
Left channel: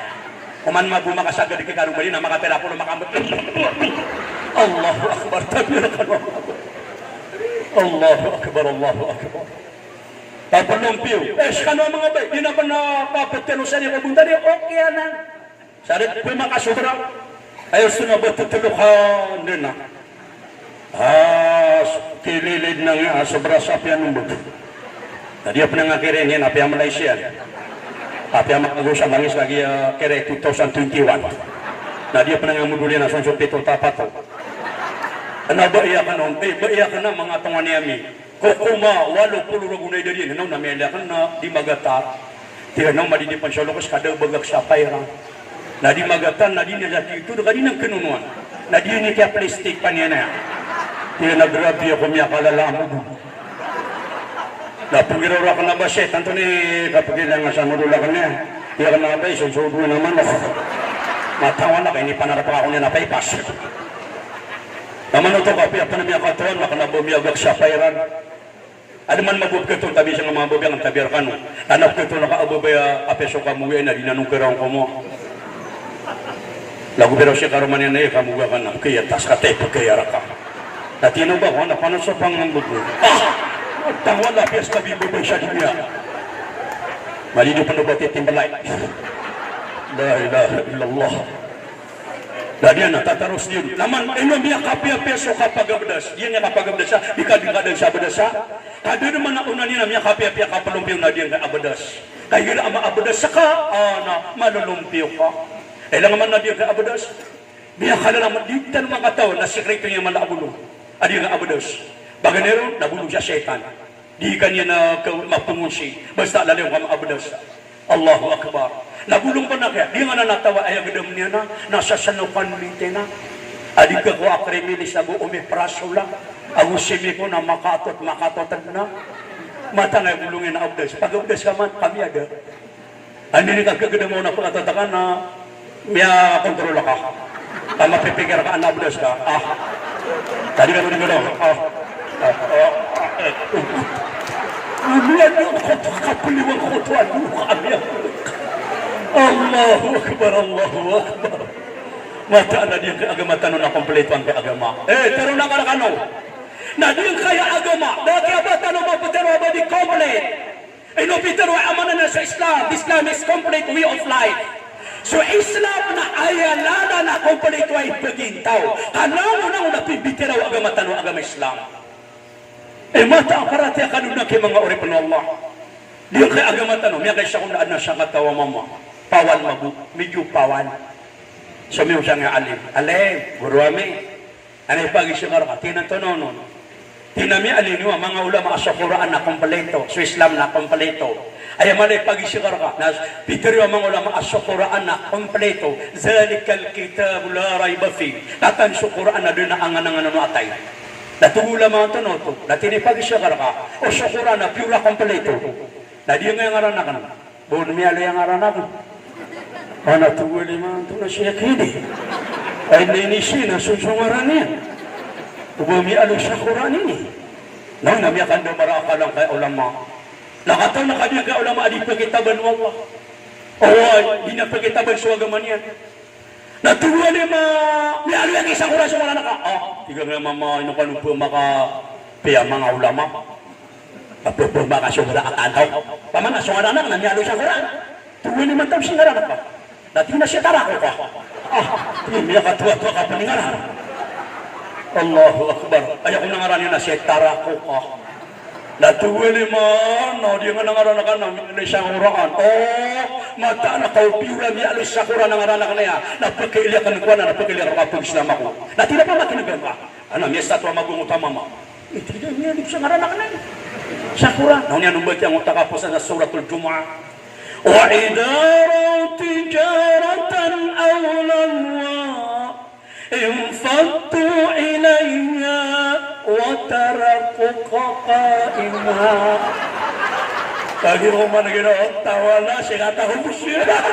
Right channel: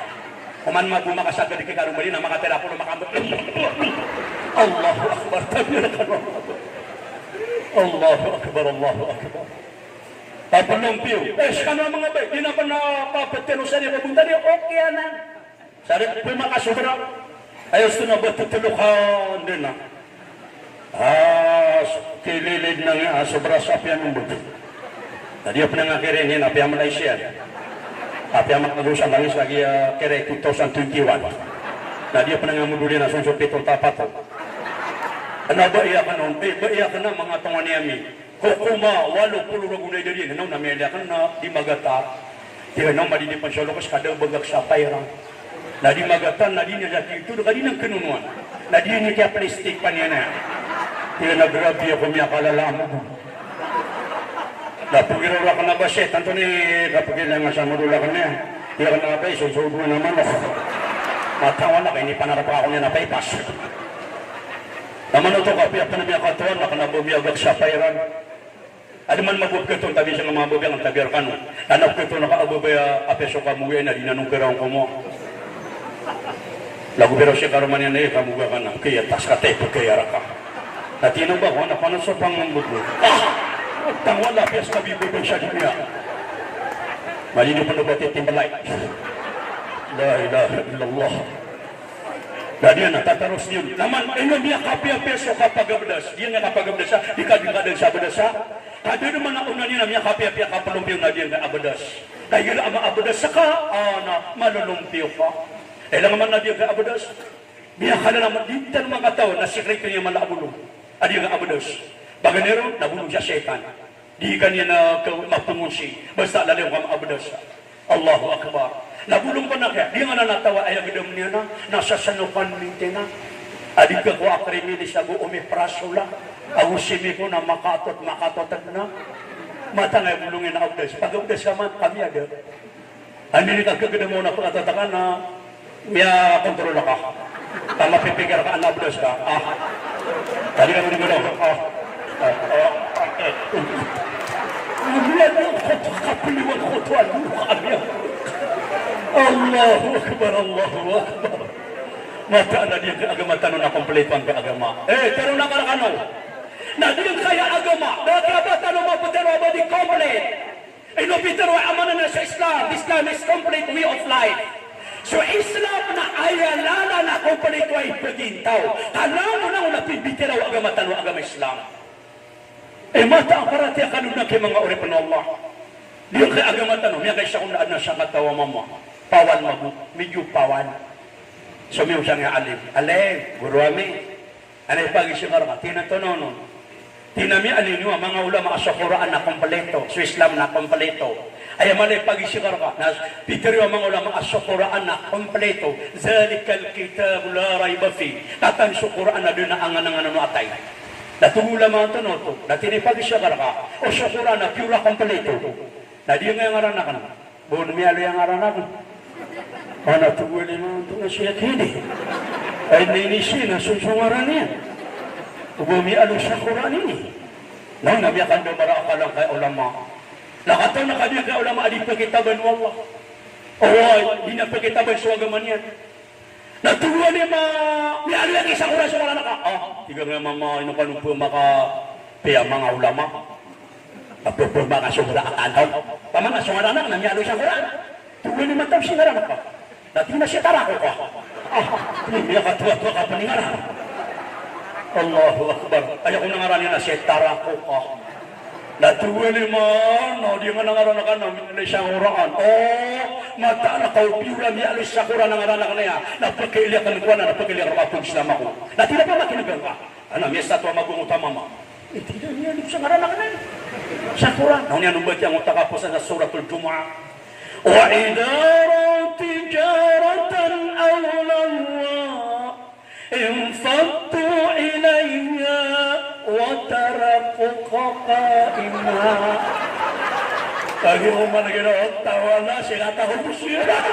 Kuman magbumakasagad kay karuman niya na makapera po na makamot. Allahu Akbar, takbirakan Allahu Akbar, Allahu Akbar. Tapalumpiyo. Kano mga bay, di na ba nakapatero sa niya kabunta niya? Okay na. Sabi ko makasubra. Ayaw sumabat tutulukan din na. Kililid na nga, sobra sa apian ng buto. Tadi apa nga kiringin, apian Malaysia. Apian makagusa bangis lagi kere 2021. Tadi apa nga muduli na sunso pitong tapato. Ano ba iyakan nun? Ba iyakan na mga tunga niyami. Kukuma, 80 ragunay dari. Ano na may iyakan na di magata. Tira nang madinipan siya lakas kada bagag sa payrang. Na di magatan, na di niya itu, na di nang kinunuan. Na di niya kaya plastic pa niya na. Tira nagrabi ako niya kalala mo. Napagiraw ka na ba siya? Tanto ni kapagilang nga sa mudula ka niya. Tira ka na ba, isusubo naman ako. Natawa na kayo, ni panarap ako niya na paypas. Naman ito kapi, apa na niya katuan, makanabumiyagag sa payrang. Ano man mabubkaton kami sa mga bagang ang tabir ka no. Anak ko ito nakaababaya apeso ka muwi na dinanong kiraw ko mo. Lagu pero siya karuman yan na iya kamuga ka na. Kaya tas ka tepo kaya raka. Latino ba? Wala pa na sa pangangbugo. Tangwa na piyas ka bibubay siya niya. Malino pa na ba titimbalay? La ilaha illallah. Dadi na tataros din. Naman ino niya kapi-apeso kapagabdas. Dia nga kapagabdas siya. Ikading-kading sa abdas siya. Kado naman na una niya niya kapi-api kapalumpiyo na diyan na abadas. Kaya na ama abadas saka na malulumpiyo ka. Lang naman na diyan na abadas. Biya ka na naman dito ng mga tao na sikreto niya malabulong. Adi nga abadas. Baganero, nabulong siya setan. Di ka niya na mapungusi. Basta lalayo ka abadas. Allahu Akbar. Nabulong pa na kaya. Di nga na natawa ay agadam niya na. Nasa sanukan minte na. Adi ka ko akrimilis na go umipraso lang. Agusimi ko na makatot na. Mata nga bulungin na abdes. Pag-abdes ka man, kami agad. Ano ni kagagada mo na pagkatatakan na miya kontrola ka. Mapipigil ka, anabdes ka. Tadi ka rin gano'n. Amiyan yung kapuliwang kutuan mo. Amiyan. Allahu Akbar, Allahu Akbar. Mata na din kay agama tanong na kompleto ang kay agama. Pero nakarakano. Na din kaya agama. Dati ba tanong mo pero ba di complete. Ino pero amana na sa Islam. Islam is complete way of life. So Islam na ayalana na complete way pagintaw. Kanamo nang napibitiraw agama tanong agama Islam. Mata ang karati kanuna kay mga uri pa Allah. Di kay agama tanong. Miya kay siya kung naan na siya katawa mama. Pawan mabu. Medyo pawan. Sumiw siya nga alim. Alim, guru ami. Anay pag-isingar ka, tinatonono. Tinami alin nyo, mga ulama sa Quran na kompleto, sa Islam na kompleto. Ay malay pag-isingar ka, na pitero ang mga ulama sa Quran na kompleto. Zalikal kitab la rayba fi. Katan sa Quran na doon na angan-angan ano atay. Natungula mga tonoto, natini pag-isingar ka, o sa Quran na pura kompleto. Na di nga yung aranak na. Buon miyalo yung aranak na. Mana tuwali nga ito na siya kini. Ay nainisi na susungaran niya. Ubumi alo sa Quran ini. Nang namiyakan daw maraka lang kay ulama. Nakataw na kami kay ulama di pagkitaban mo Allah. O di na pagkitaban sa agaman yan. Natuwali may aliyang isang oras sa mga naka. Tiga nga mama inupalupo maka piya mga ulama. Papupo maka sumura at antaw. Paman na sumara na namiyalo sa Quran. Tuwali man tayo singaran ka. Dati na siya tarako ka. Hindi katuwa-tuwa ka paningaran. Allahu Akbar. Ayaw ko nangaran na siya tarako ka. Natuwali man, di nga nangaran ka na siyang uraan. Mata na kaupiulan niya alis sa Quran nangaran ka na yan. Napagkailiya ka ng kuwan na napagkailiya ka pag Islam ako. Dati na pa makinagan ka. Ano, may estatwa magungutama mo. Hindi niya alis sa ngaran ka na yan. Sa Quran. Noon yan umbag yung utakapos sa suratul Jumu'ah. وإذا تجارة أو لهوا انفضوا إليها وتركوك قائما. Pagi rumah negara tawala sila tahu bersyukur.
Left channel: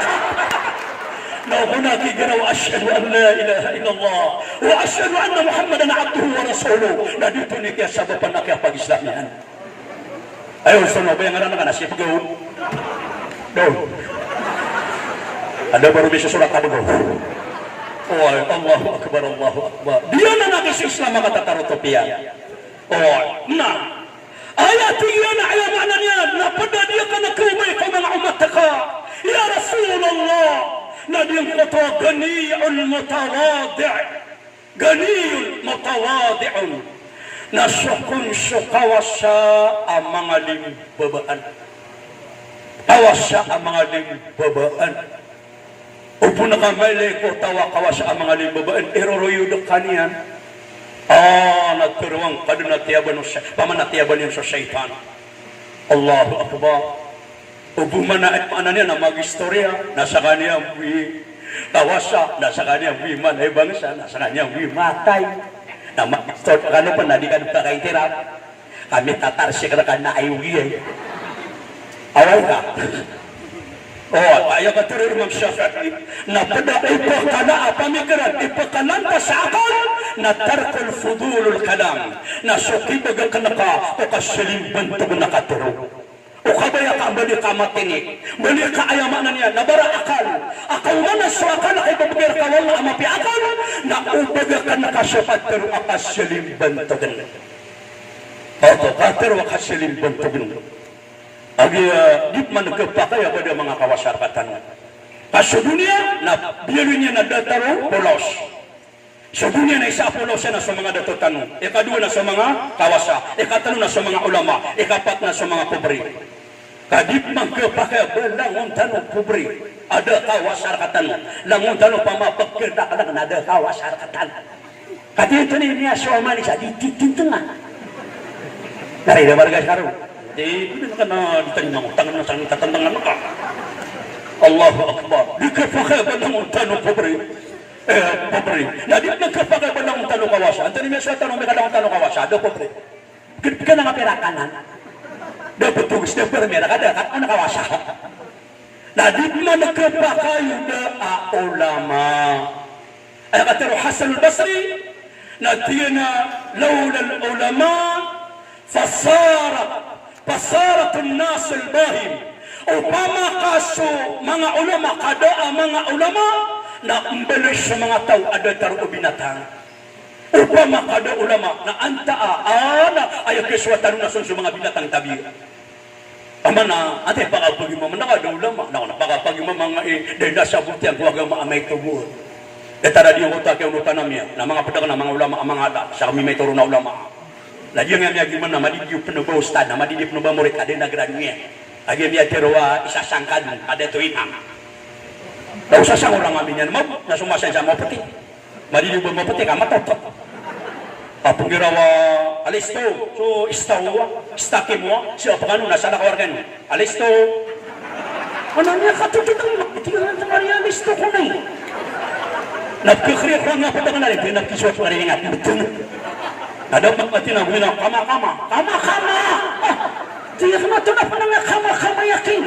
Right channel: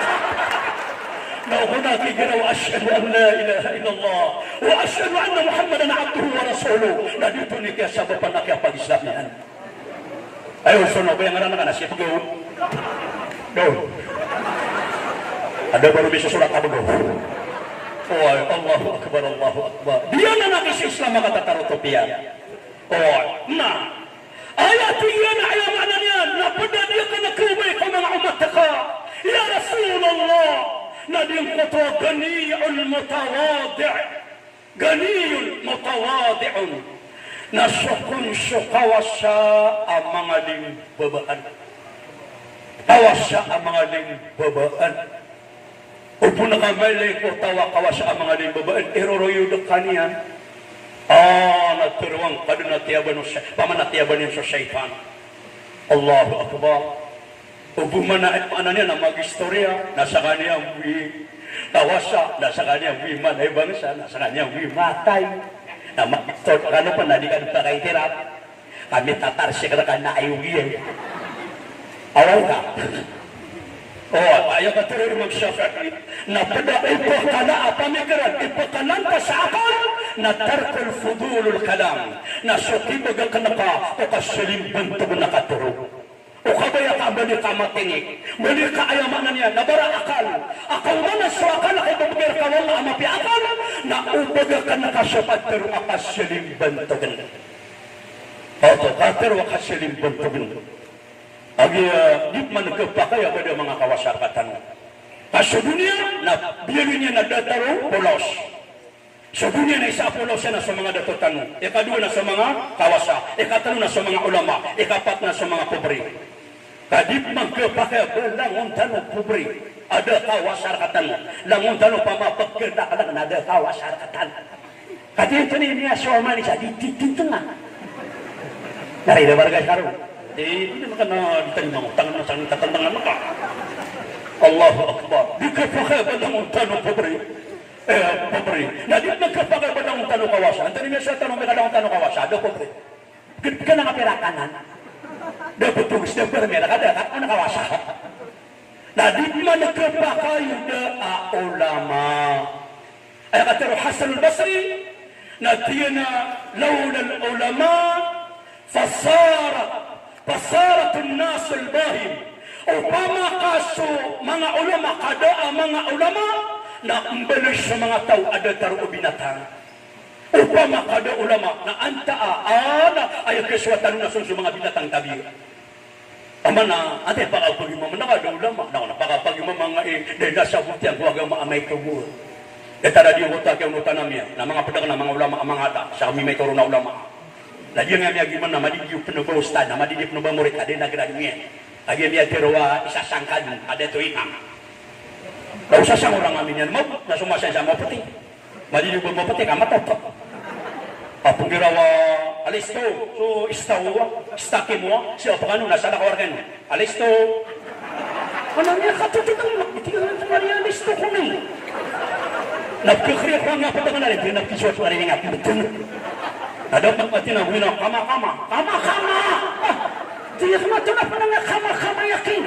Nah هناك جرى وأشهد أن لا إله إلا الله وأشهد أن محمدا عبده ورسوله. Nah itu nih kia sabab anak yang pagi Islamnya. Ayo sono yang ngaran kana siapa gaul? Doh. Ada baru bisa surat apa doh? Oh, Allahu Akbar, Allahu Akbar. Dia na Islam kata tarotopia. Oh, nah. Ayat ini ayat maknanya, lapada dia kana kumai ka mga umat ka. Ya Rasulullah, na diyang kata ganiyul mutawadi'. Ganiyul mutawadi'un. Nasukun sukawasa ang mga limbabaan. Kawasa ang mga limbabaan. Upo na kamali ko tawa kawasa ang mga limbabaan. Eroroyo na kaniyan. Nagturuang kadunatiyaban pamanatiyaban sa syaitan. Allahu Akbar. Ubuman na at niya na mag-istorya, nasa kanya tawasa, nasa kanya manay bangsa, nasa kanya matay. Na mag-istorya ka na pa, na di ka nagpakaitirap. Kami tatar siya ka na ayugi. Awal ka. Kaya ka tuloy mag-Shafi'i. Na pada ipakala pamikiran, ipakalan ka sa akal, na tarkul fudulul kalam, na sukibagal ka na ka, o kasilimban ito nakaturo. O kabaya ka, bali ka matinik, bali ka ayamanan niya, nabara akal. Akal mana sa akal, ay babagir ka wala amapi akal, na ubaga ka na kasapat, pero akasilimban ito ganda. Pero akasilimban ito ganda. Agi di man kepakaya pada mga kawasarakatan. Sa dunia na biyarin niya na dataro polos. Sa dunia na isa polos na sa mga datotano. Ikadua na sa mga kawasa. Ikatalo na sa mga ulama. Ikapat na sa mga kubri. Kadip man kepakaya belangon tanong kubri. Ada kawasarakatan. Langon tanong pamapagkita ka lang na ada kawasarakatan. Kadito niya sa umalis di tintang. Narida warga syarong. Hindi naman na ditanya tangan na sangin tatandangan ka. Allahu Akbar. Di kapakaya ba ng tanong pobre? Na di kapakaya ba ng tanong kawasa? Antoni may suwa tanong may kadang tanong kawasa. Do pobre. Git ka na kapirakanan. Do betugis na permera ka dapat ano kawasa. Na di man kapakaya na ulama. Ay katero Hasan al-Basri na tiyana lawla al-ulama Pasaratun nasul bahim. Upama kaso mga ulama, kada mga ulama na umbelis sa mga tao ada taruo binatang. Upama kada ulama na antaa ay keswatan na sa mga binatang tabi. Pamana ate pakapagi mo man kada ulama na pakapagi mo mga dahil nasa buktian huwag ang maamay tubo. Detara di utak yang utanamnya na mga pedang na mga ulama ang mga ada sa kami may turo na ulama. Lagi yang gimana nama di penuh ustad, nama di penuh murid ada negara dunia. Lagi dia terwa isa sangkan ada tu imam. Tak usah sang orang aminan mau, na semua saya mau peti. Madi di mau peti kamat tetap. Apung girawa alisto, so istawa, istakimwa, siapa kan na salah keluarganya. Alisto. Anaknya kata tu itu yang temari alisto ko nai. Nak kekriya ko na pa na rin, nak kiswa ko rin ingat betul. Ada pagkati na bilang kama. Tiyak na ito na pa kama yakin.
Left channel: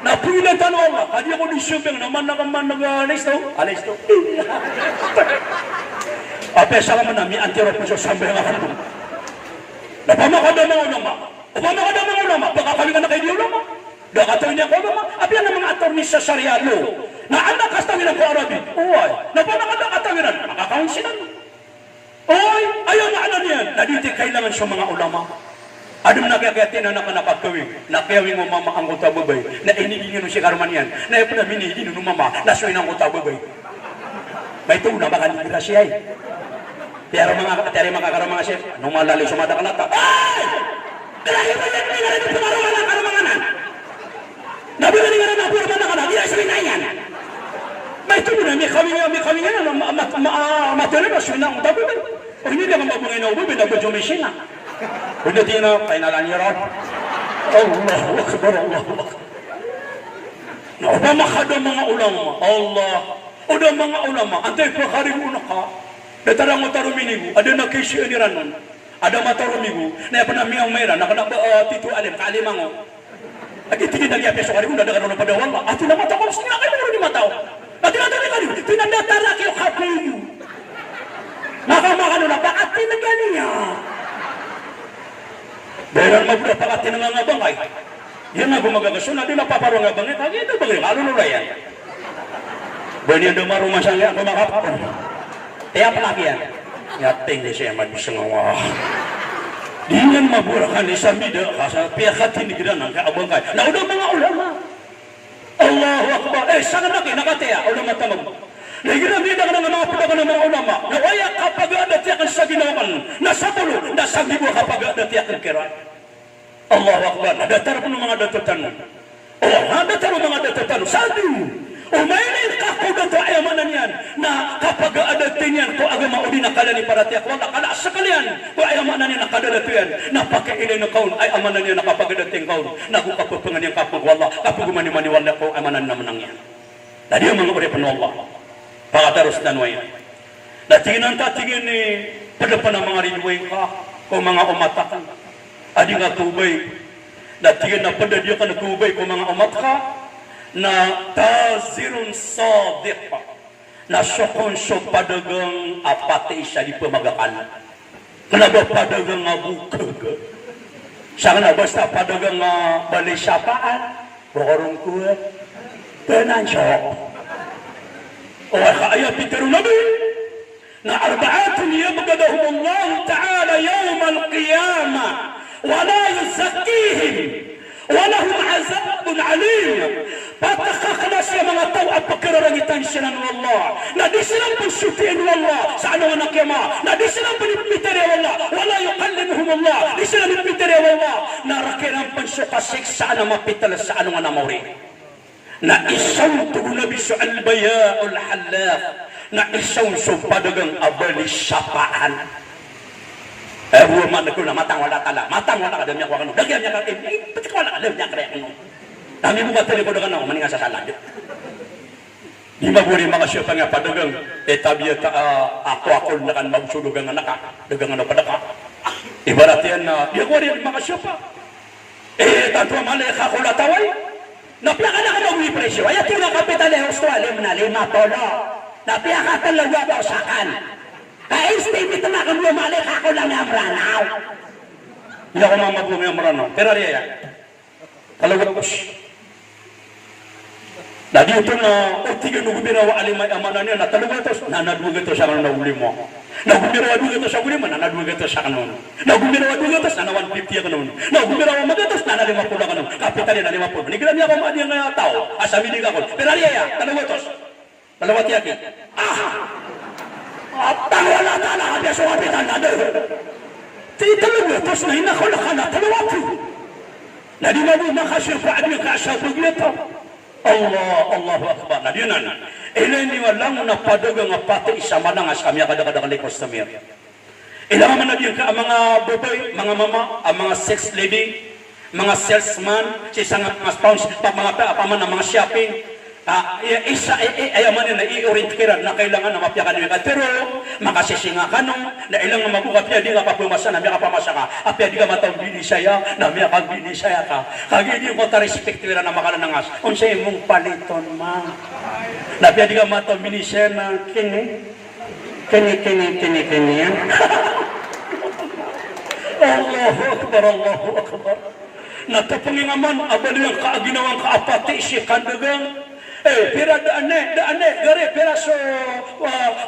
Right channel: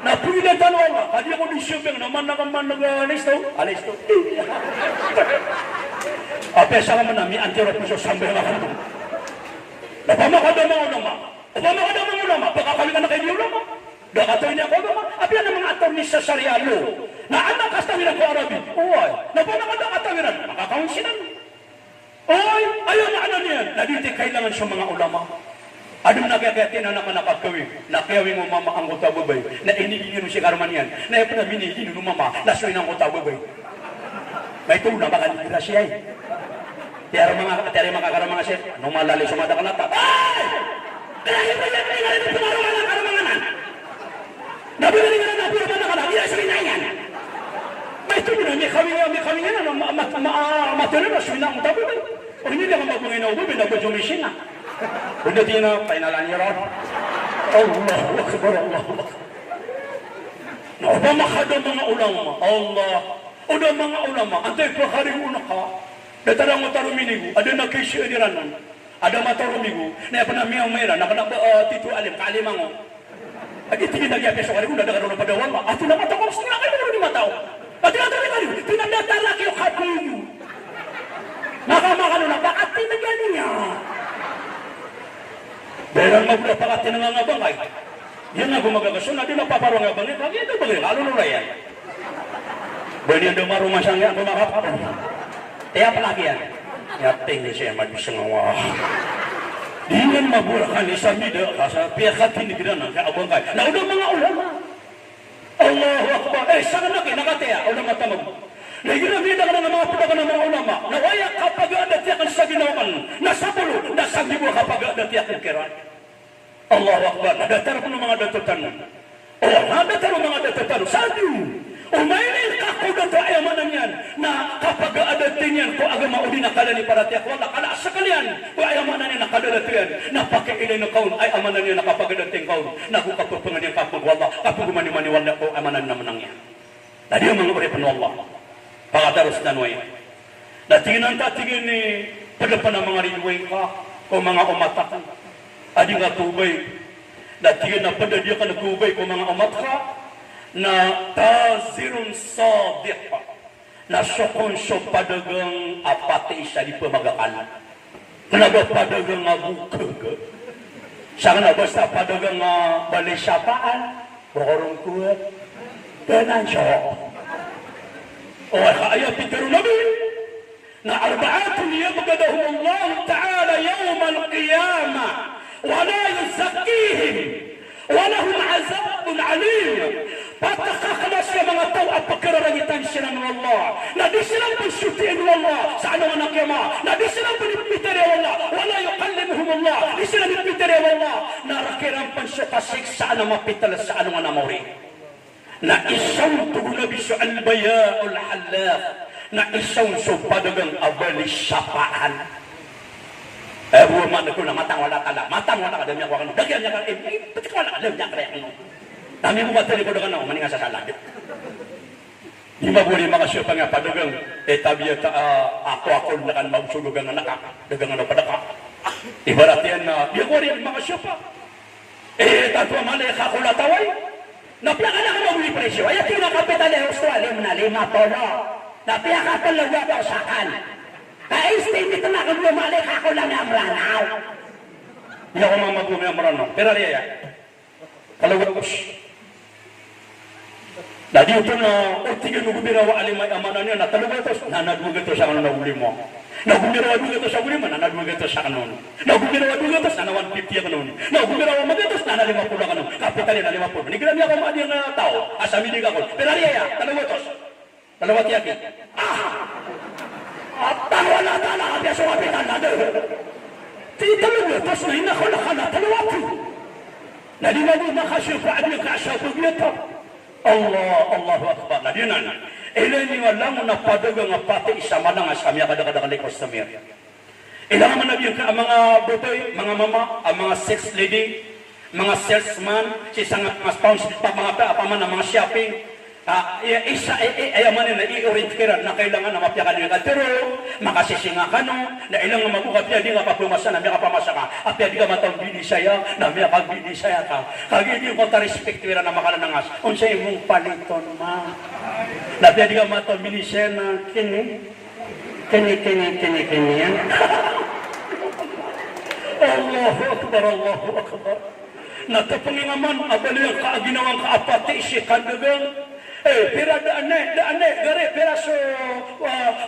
Napilitan wala. Kadi ako disubeng naman nag-alisto. Alisto. Apesa ka man na mi antiro piso sambil nga kamo. Napamakada mga ulama. Baka kami ka na kayo di ulama. Dakatoy niya ko ulama. Apiyan na mga attorney sa Sharia law. Na anak kastawiran ko Arabi. Uway. Napamakada katawiran. Nakakaunsinan. Oy, ayaw na ano niyan. Naditi kailangan sa mga ulama. Adem nagagatin na nakakawing. Nakawing mo mama ang utababay. Na inigigino si Karman yan. Na yung pinabinigino ng mama. Nasuin ang utababay. May tuna baka nila siya eh. Pero mga karang mga siya. Nung malali sa mata kanata. Ay! Dahil ba yan? Hindi na pinaraman ang karamanganan. Nabili nga na napuraman na kanata. Iya sabihin na yan. May tuna. May kawing yan. Matulog na siya na ang utababay. Hindi dia mabungin na ubi, nag-jumising na. Hindi din na, kaya nalang yarap. Allahu Akbar, Allahu Akbar. Na upamakada mga ulama, Allah. Uda mga ulama, antay pagharing una ka, datarang mataruminig, ada na kisi aniranon, ada matarumigo, na yapanamiyang mayra, titu alim, kaalimango. At itigin na liya peso karing, dada ka doon padawal ba? At tinamata ko, sila kayo na rin mataw. At tinatari ka rin, pinandatara kayo kapuyo. Nakamakano na, bakit pinagaling niya? Dahil magpapakat tinangangabangay. Yan nga gumagagasyon, na di napaparangabangay. Kaya ito bagay, lalo nula yan. Dahil yan dumarungan sa nga gumakapapon. Kaya palagi yan. Yating niya siya mabisang nga. Di yan maburakan ni Samida, kasa piyakat hinigiran ng kaabangay. Nauna mga ulama. Allahu Akbar. Sana na kayo, nakataya, ulama tamag. Nagiging ka ng mga putagan ng mga ulama na waya kapag adatiakan sa ginawan na sa pulo, na sa gibo kapag adatiakan kira. Allahu Akbar. Nadatar po ng mga datutan. Nadatar po mga datutan. Sadu. Umainin ka ko dato ay amanan yan na kapag adatin yan ko agama uli nakala ni paratiak wala kala sakalian ko ay amanan yan nakadadato yan napakailay na kaun ay amanan yan nakapag adating kaun nagkapapangan yan kapag wala kapag maniwala ko amanan naman ang yan. Tadi ang mga uri pano Allah pagkataros na nuwayan na tingin ni padapan ng mga rinway ka o mga umatakan adi nga tubay na tingin na padadya ka na tubay ko mga umat ka na tazirun sadiq na syokon padagang apati siya di pamagakan kanaga padagang ngabukag siya na basta padagang balisyapaan borong kuwet benan siya o kaya pitero nabi na arba'atun yabgadahum Allah ta'ala yawm al-qiyamah wala yuzakkihim walahum azabun alim patakakna siya mga tao at pagkararangitan sila ng Allah na di silang pagsutiin ng Allah sa anong anak yama na di silang pinipitari ng Allah wala yukallimuhum Allah di silang pinipitari ng Allah na rakirang pansukasik sa anong mapital sa anong anamawri na isang tugunabi sa albaya'ul halaf na isang padagang abali sapaan rumah ko na matang wala ka dami ako ano dagyan niya ka pati ko wala ka dami niya ka ano dami mo batali ko dagan ako maninga sa salag di maguli mga siya nga padagang tabiya ako na kan magsulugan na ka dagang ano padaka ibarat yan na di ako rin mga siya pa tanto malay ka ko lataway napiaka na ka maguli presyo ay ito na kapital ng Australia na 5 tono napiaka talaga ako sa kan ka-estimate na kung lumalik ako lang yung ranaw. Hindi ako mamabungi ang ranaw. Pero riya yan. Kalawagos. Dadi ito na, tiga nung binawa alimay amanan niya, natalagatos, nanadwagatos siya ng nauli mo. Nagumirawadugatos siya uli mo, nanadwagatos siya kanon. Nagumirawadugatos, nanawan 50 kanon. Nagumirawamagatos, nanalima po na kanon. Kapitalin, nalima po. Nigilan niya akong madi ang tao, asamilig ako. Pero riya yan, talagatos. Talawat yaki. Wala na dia suapitan na doon. Tidak terus na hinakala talawati. Na di na makasir pa admi kasapo gito. Allahu Akbar. Na dinan. Ilani walang na padagang pati isa manang asami kada-kada likos sa mir. Ilang man na mga babae, mga mama, ang mga sex lady, mga salesman, isang mga sponsor, mga paman ng mga shopping. Ayaman na i-orienteran na kailangan na mapyakan niyo ka. Pero makasisinga ka no, na ilang magukapya di ka paplumasa na miya ka pamasa ka. Apya di ka matang binisaya, na miya ka binisaya ka. Kagi di ko ta-respektira na makalanangas. Unsay mong paliton na. Na apya di ka matang binisaya na kini yan. Allahu Akbar, Allahu Akbar. Natapangingaman, abali ang kaaginawang kaapati si kandagang. Pera daane, gare, pera so,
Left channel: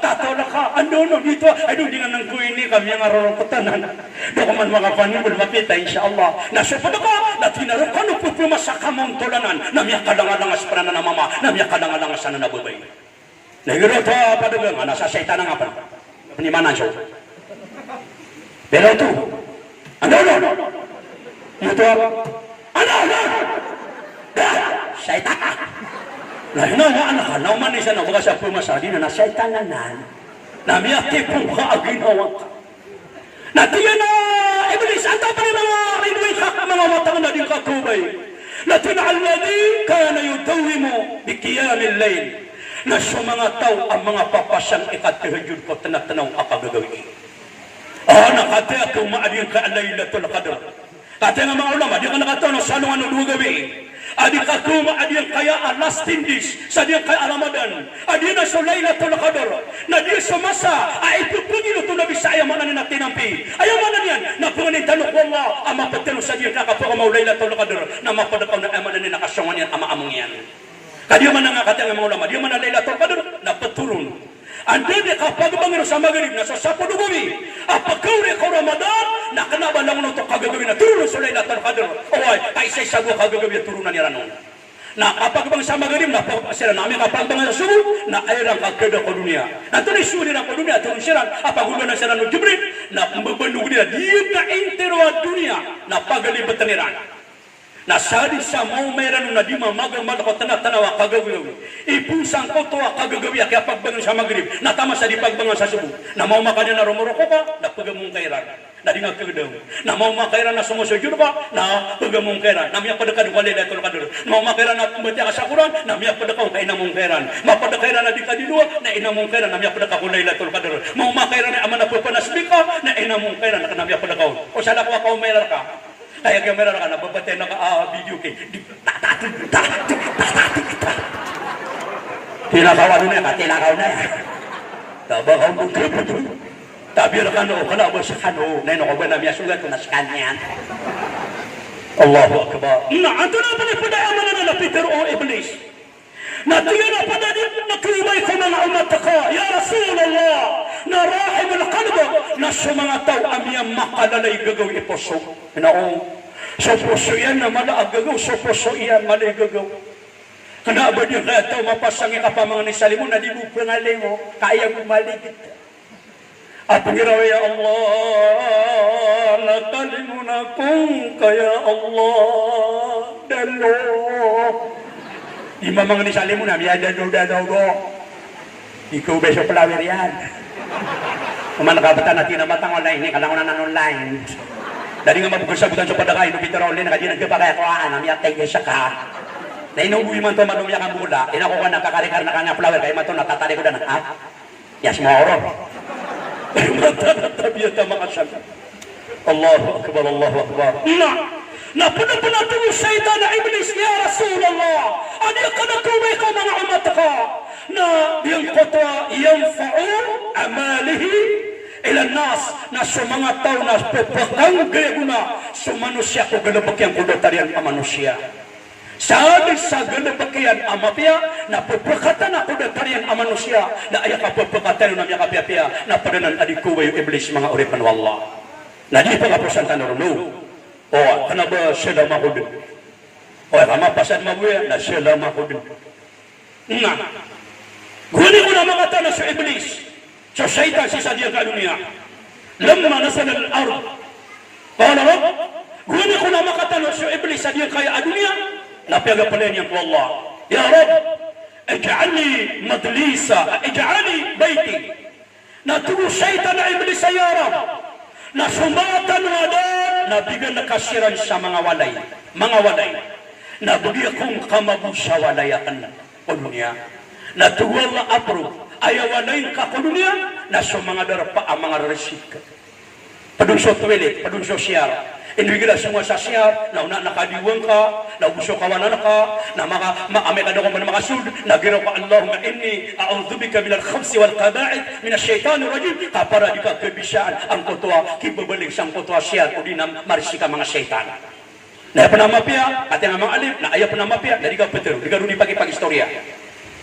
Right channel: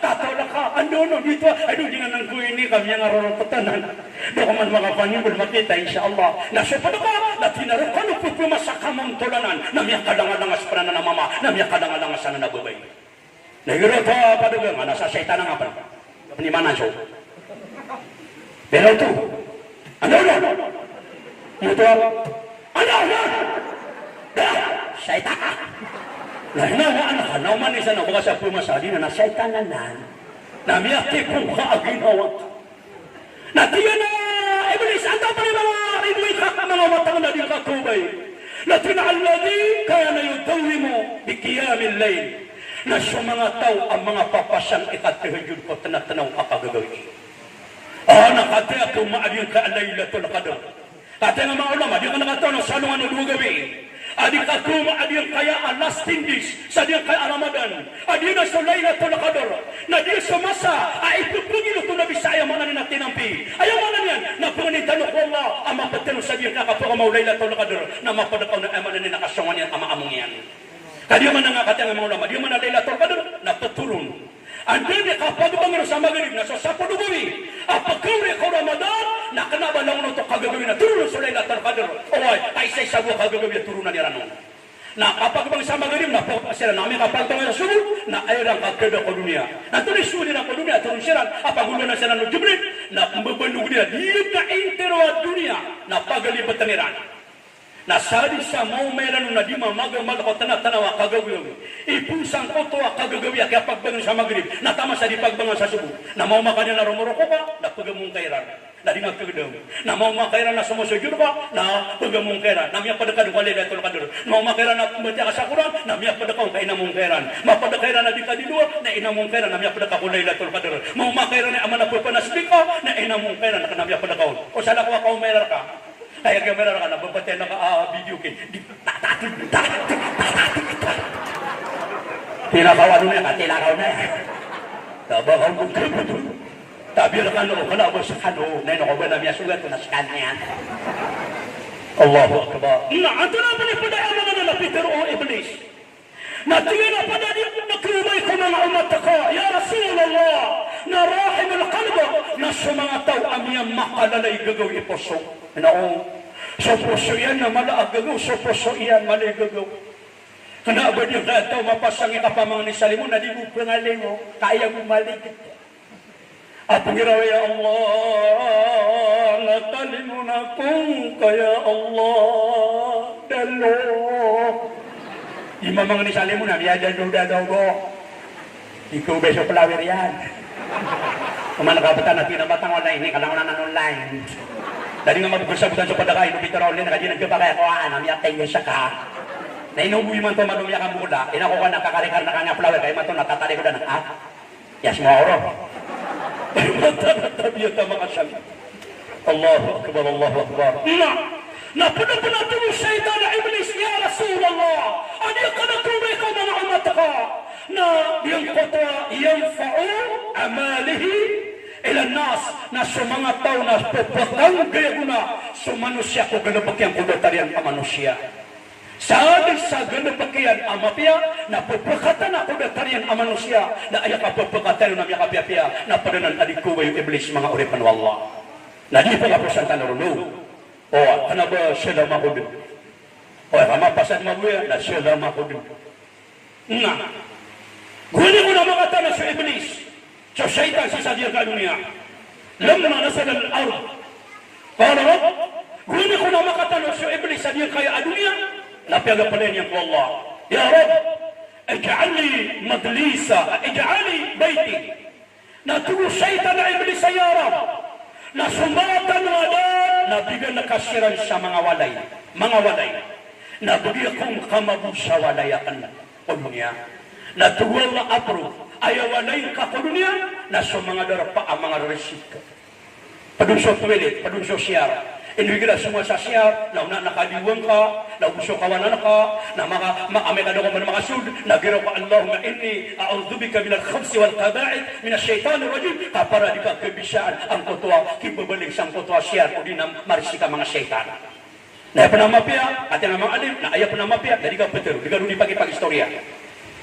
tatawa ka, ano, dito, ay doon din nga nang kuwini kami ang arorong katanan. Doon man makapanin, makita, insyaAllah. Nasa pa ka, na tinarap ka, nupupuma sa kamong tulanan, na miyak kadangadangas para na mama, na miyak kadangadangas na nabubay. Nahiguro pa, padugang, nasa saitan nga pa, panimanan siya. Pero ito, ano, ito, ano, saitan. Naman isa na mga sa pumasali na nasaitan na namiyaki pong kaaginawa ka. Natiyan na, Iblis, ata pa na mga inuwi ka mga matang na din katubay. Natin alladhi kana yudawi mo bikiyamil layl. Na sa mga tao ang mga papasyang ikatihajud ko tanatanaw kapagagawin. Nakataya ito maadin ka alaylatul qadr. Kata nga mga ulama, di ka nakataw na salungan ng gabi. Adi katuma adi kaya alas tindis sa dia kaya Ramadan adi na sa Lailatul Qadar na dia sa masa ay pupugin ito na Bisaya mana ni natinampi ayaw mana niyan na punganin tanong ko Allah ama patelo sa dia nakapura mau Lailatul Qadar na mapadakaw na amana ni nakasyongan yan ama-among yan kadiya man nga kata nga mga ulama dia man na Lailatul Qadar na patulun andi dia kapag bangir sa magrib na sa sapo dugawi apakaw ko Ramadan na kanaba lang no to kagagabi na turun sa Lailatul Qadar oy ay say sago kagagabi turunan niya ranon na kapag bang sa magrib na sila namin kapag bang sa subo na ayran kagada ko dunia na tuloy suri na ko dunia turun sila apagulo na sila no Jibril na mbabandog niya di ka intero dunia na pagalibatan nila Nasadi sa mau meron na di mamagang malakot na tanawa kagagawi. Ipusang ko to kagagawi kaya pagbangon sa magrib. Natama sa di pagbangon sa subo. Na mau makanya na rumuroko ka, na pagamong kairan. Na di nagpagdang. Na mau makairan na sumusujud ka, na pagamong kairan. Na miyak padakad ko lila ito kaduro. Mau makairan na tumati ka sa kurang, na miyak padakaw ka inamong kairan. Mapadakairan na di kadidua, na inamong kairan, na miyak padakaw ko lila ito kaduro. Mau makairan na amana po panasbika, na inamong kairan, na miyak padakaw. O sa lakwa ka umerar ka. Kaya kamera na nababatay na video kay tinakaw na tinakaw na tabang mo tabi na kano kana ba sa kano na no ba na miya sugat na sa kanya Allahu akbar na ato na pa padaman na Peter o Iblis na tiyo na padadi na tumay ko mga umat ka ya Rasulullah na rahim al-qalb na sumataw amiyang makalalay gagaw iposo no so puso yan na malaagaw so puso yan malagaw kana ba di ka ito mapasangi ka pa mga nisali mo na di mo pangalay mo kaya mo maligit at ngiraw ya Allah natali mo na kung kaya Allah dalo di mga nisali mo na biya dalo ikaw beso palawer yan kuman nakabata natin na matang online kalangan na online dari nga mapagsabutan sa padakay no Peter Olin nakadi nagpapakaya ko anam yatay siya ka na inubuhi man to madumiyak ang bula inako ka nakakarikar na kanya flower kay mato natatali ko na ha yas mo oro tabiya ta makasal Allahu akbar Allahu akbar na puno to shaytan iblis ya Rasulullah ani kana tumay ko mga umat ka na yung kota yanfa'u amalihi ilan nas na sa mga tao na pupakang gayaguna sa manusia ko ganapakyan kudatarian ang manusia. Sabi sa ganapakyan ang mapya na pupakatan na kudatarian ang manusia na ayak ka pupakatan na mga kapya-pya na padanan adikuwa yung iblis mga uripan wallah. Na di pa kapusan ka naruno. O, ano ba sila makudin? O, kamapasan mabuya na sila makudin. Nga, guni ko na mga tanong sa iblis. So syaitan sisa dia ke dunia. Lamma nasal al-ard. Qala Rabb, guna ko na makatano sa iblis sa dia kaya dunia. Napiaga pala niya ko Allah. Ya Rabb, ij'alni madlisa, ij'alni baiti. Natulo syaitan na iblis sa ya Rabb. Nasumatan na nabigyan na kasiran sa mga walay. Mga walay. Nabigyan kong kamabu sa walayakan na. O dunia. Natuwal na apro. Ayawanay ka ko dunia na sa mga darapa ang mga resika. Padung sa toilet, padung sa siyar. Inwigila semua sa siyar, na nakadiwang ka, na gusto kawanan ka, na maamay ka doon mga sud, na giraw ka Allahumma inni a'udzubika minal khamsi wal qaba'id minash shaitanir rajim. Kapara di ka kebisaan ang kotwa, kibabalik sang kotwa siyar o di na marsika mga syaitan. Na ayaw mapia, at yung mga alip, na ayaw mapia, na di ka betul, di ka rin pag-istorya.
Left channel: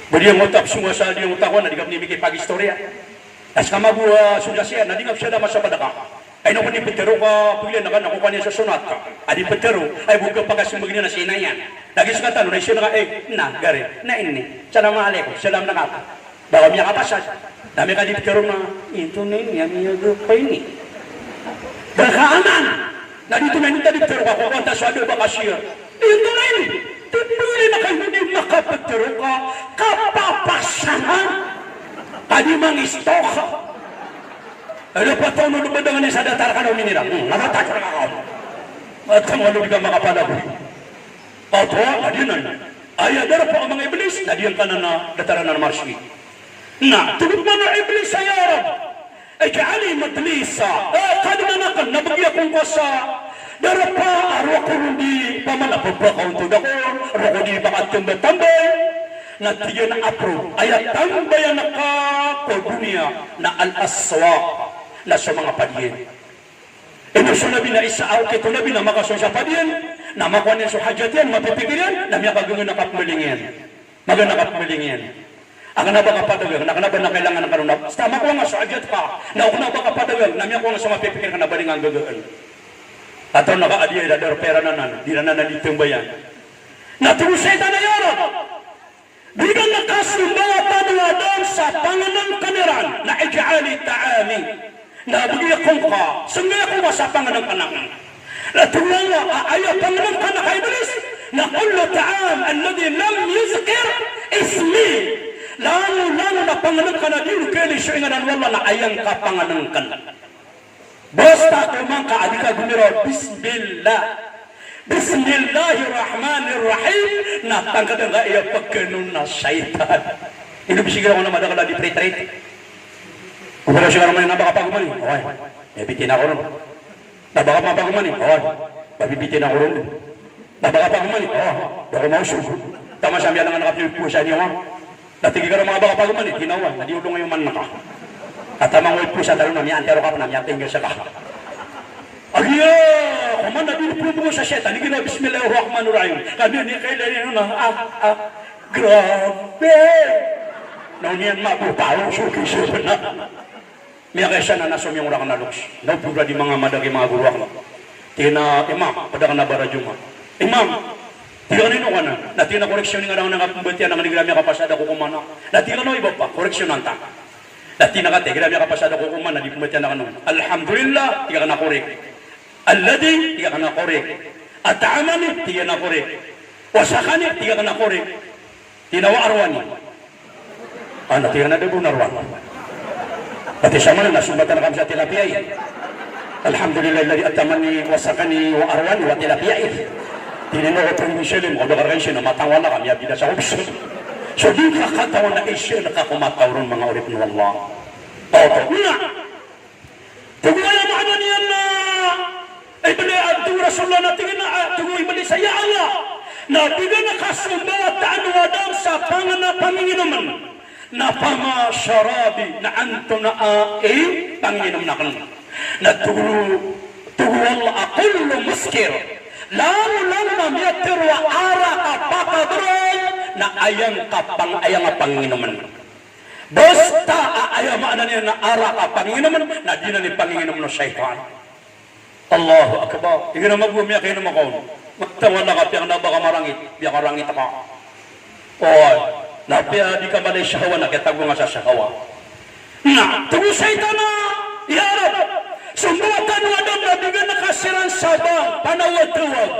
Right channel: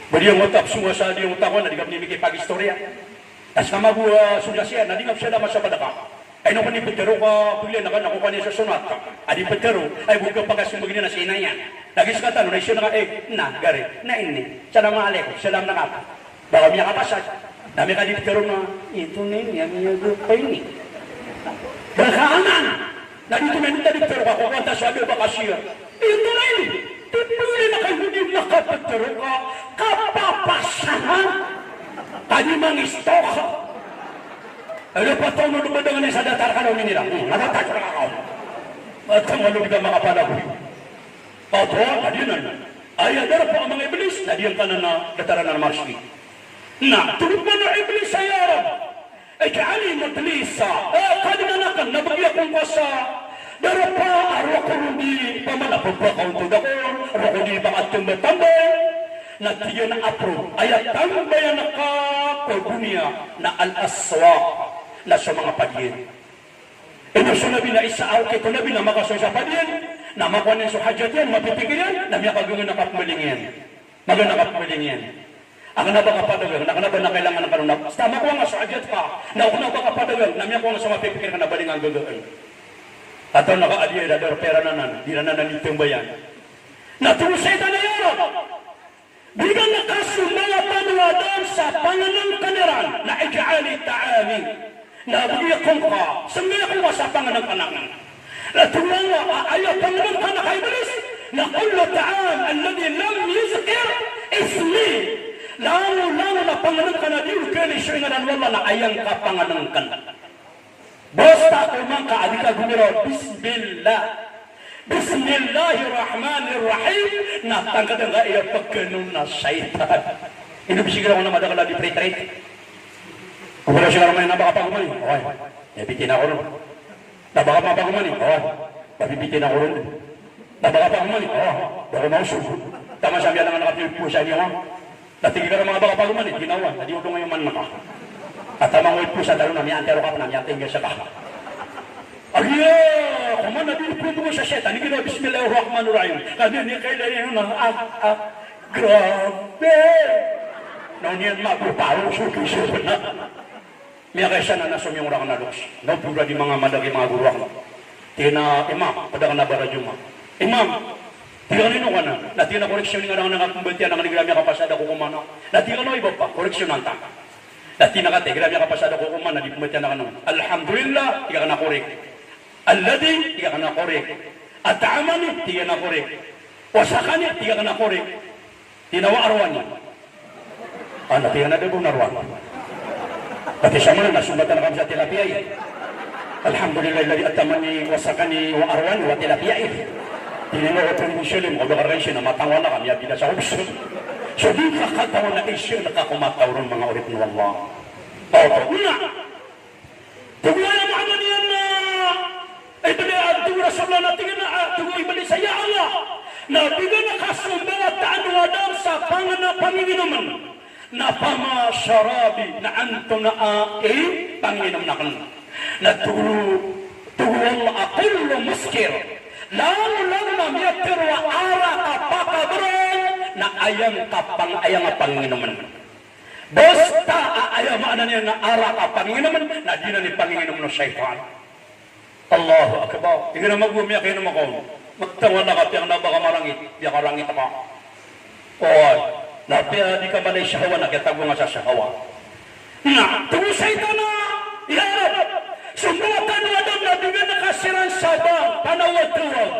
Budi yang utak semua sa dia utak ko na di ka pinibigay pag-istorya. As kama buwa sudah siya, na di ka siya naman sa padaka. Ay no ni petero ka pili na kan ako kanya sa sunat ka. Adi petero ay buka pagkasumugin na sinayan. Lagi sa katan na siya na na gari na ini. Salam alaikum, salam na ka. Bawa miya kapasad. Dami ka di petero na ito na ini ang iyo grupo ini. Berkaanan. Na dito na nita di petero ka ko kanta sa ba kasya. Ito na ini. Tipili na kayo hindi nakapetero ka kapapasahan. Tadi mangistok. Ano pa ito mo dumadangan sa datar ka daw minira? Nakatatara ako. At ang ano ka makapalagoy. Ato, adinan. Ayadara po ang mga iblis, nadiyan ka na dataran ng marsi. Na, tulog man na iblis sa yarab. Ay kaali madlisa. Kadimanakan, nabagya kong wasa. Darapa, arwa ko hindi pamalapag pa kong tudakon. Arwa ko di bakat yung batambay. Natiyan ang apro. Ayat tambayan na ka ko dunia na al-aswaq. Na sa mga padyen. Ito sa nabi na isaaw kito nabi na makaso sa padyen, na makuha sa hajat yan, mapipigil na miya kagawin nakapmalingin. Maga nakapmalingin. Ang na ba kapadagal, nakanaba na kailangan ng karunap. Basta makuha nga sa hajat ka, na ako na ba kapadagal, na miya kuha nga sa mapipigil ka na baling ang gagawin. At ang naka-adiya, dadar pera na di na nalitong bayan. Naturusay na yaran. Bilang nakasumbawa tanuwadan sa panganang kaniran na ija'ali ta'ami. Nabigyan kong ka, sumaya ko sa panganang kanangan. Natulala, ayaw Panginoon ka na kay Iblis. Naqul له تعالى الذي لم يذكر اسمي. Lalo na Panginoon ka na din kaya siya nga wala na ayang kapangalan ka na. Basta tumang ka, adi ka gumiro, Bismillah. Bismillahirrahmanirrahim. Natangkad nga iya pagkanon na syaitan. Ino bisigira ko na madakala di pray-trait. Kung wala siya naman yung nabakapaguman, okay. Nabitin ako ron. Nabakapaguman, okay. Nabibitin ako ron. Nabakapaguman, okay. Dako maususo. Tama siya miyan nga nakapilpusa niya nga. Natigil ka rin mga bakapaguman, tinawa. Nadiuto ngayon man naka. At tamang pusa dalo na miyan, pero ka pa na miyan, tinggal sa ka. Agya! Kuman nabiniplubo mo sa syaitan, hindi na Bismillahirrahmanirrahim. Kami ni kailan yun na, grabe! Noon yan magpaparo, suki-suki na. Miya kaya siya na nasum yung ulang na luks. Nagpura di mga madagi mga guruak na. Tina, imam, pada ka na baradyo mo. Imam, tiga nino ka na. Natina koreksyon nga lang nakakumbatiyan na kanigilami kapasada ko kumano. Natina no iba pa, koreksyon ng tanga. Natina ka, tigilami kapasada ko kumano, di kumbatiyan na kanong. Alhamdulillah, tiga ka na korek. Alladhi, tiga ka na korek. At'amani, tiga na korek. Wasakani, tiga ka na korek. Tinawa arwani. Ano, tiga na doon arwani. Pati sa mga nasumatan na kami sa tilapiyay. Alhamdulillah, alladhi atamani, wasakani, wa arwani, wa tilapiyay. Tinino ko ito yung silim, kung baka rin siya na matangwa na kami, abida sa ubis. So, di kakatawa na isyo, nakakumataw rin mga ulit ng Allah. Opo, na! Tugulay mo ano niyan na, ay bali, abdung Rasulullah na tingin na, tugulay bali sa ya Allah, na biga nakasumba at taanwadam sa panginginaman, na pama syarabi, na anto na panginam na kanan. Na tugulay akullo muskir, lalo na miyatir wa ara kapakabroy na ayang panginaman. Basta ayaw maana niya na ara kapanginaman na di na ni panginaman ng syaitan. Allahu Akbar. Ika na mag-umiyak kayo naman ko. Magtawala ka piyang na baka marangit. Biya ka rangit ka. Oo. Napiya di ka balay syahawa na kaya tago nga sa syahawa. Na, tugo syaitan na iharap. Sumbuatan mo adam na bigyan na kasiran sabang panawag-tawag.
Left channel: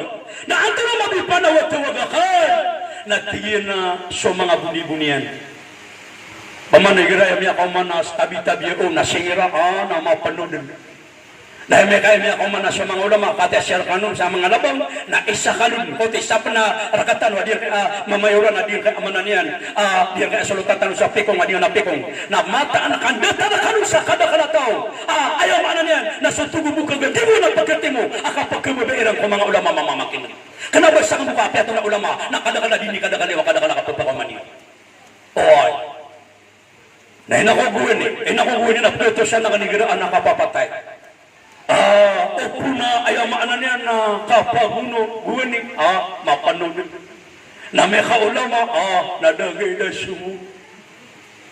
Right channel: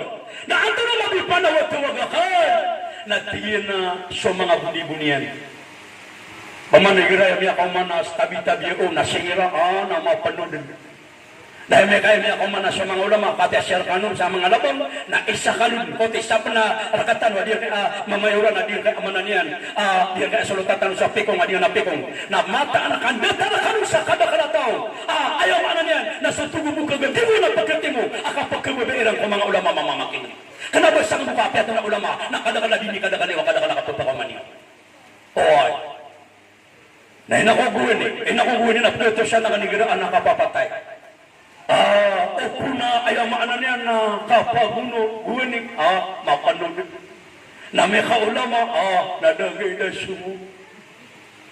Na ang na mag-panawag-tawag akay. Natigil na sa mga buni-bunian. Pamanigira yung ako manas tabi-tabi o nasira na mapanunod. Dahil may kaya ako manas sa mga ulama kati-asyar kanun sa mga labang na isa kalun o isa pa na rakatan na diyan mamayuran na diyan kaya amanan yan diyan kaya salutatan sa pikong na diyan na pikong na mata na kandata na kanun sa kada tao ayaw manan yan na sa tubo mo kagandi mo na pagkati mo akapagkababairang ko mga ulama mamamakin kanabay sa mga kapiato na ulama na kadakala din ni kadakali o kadakala kapagpakaman niya oy na inakuguin na pwede siya na kanigiraan na kapapatay opo na ayaw maanan niya na kapaguno guwaning mapanunod na may kaulama nadagay na sumo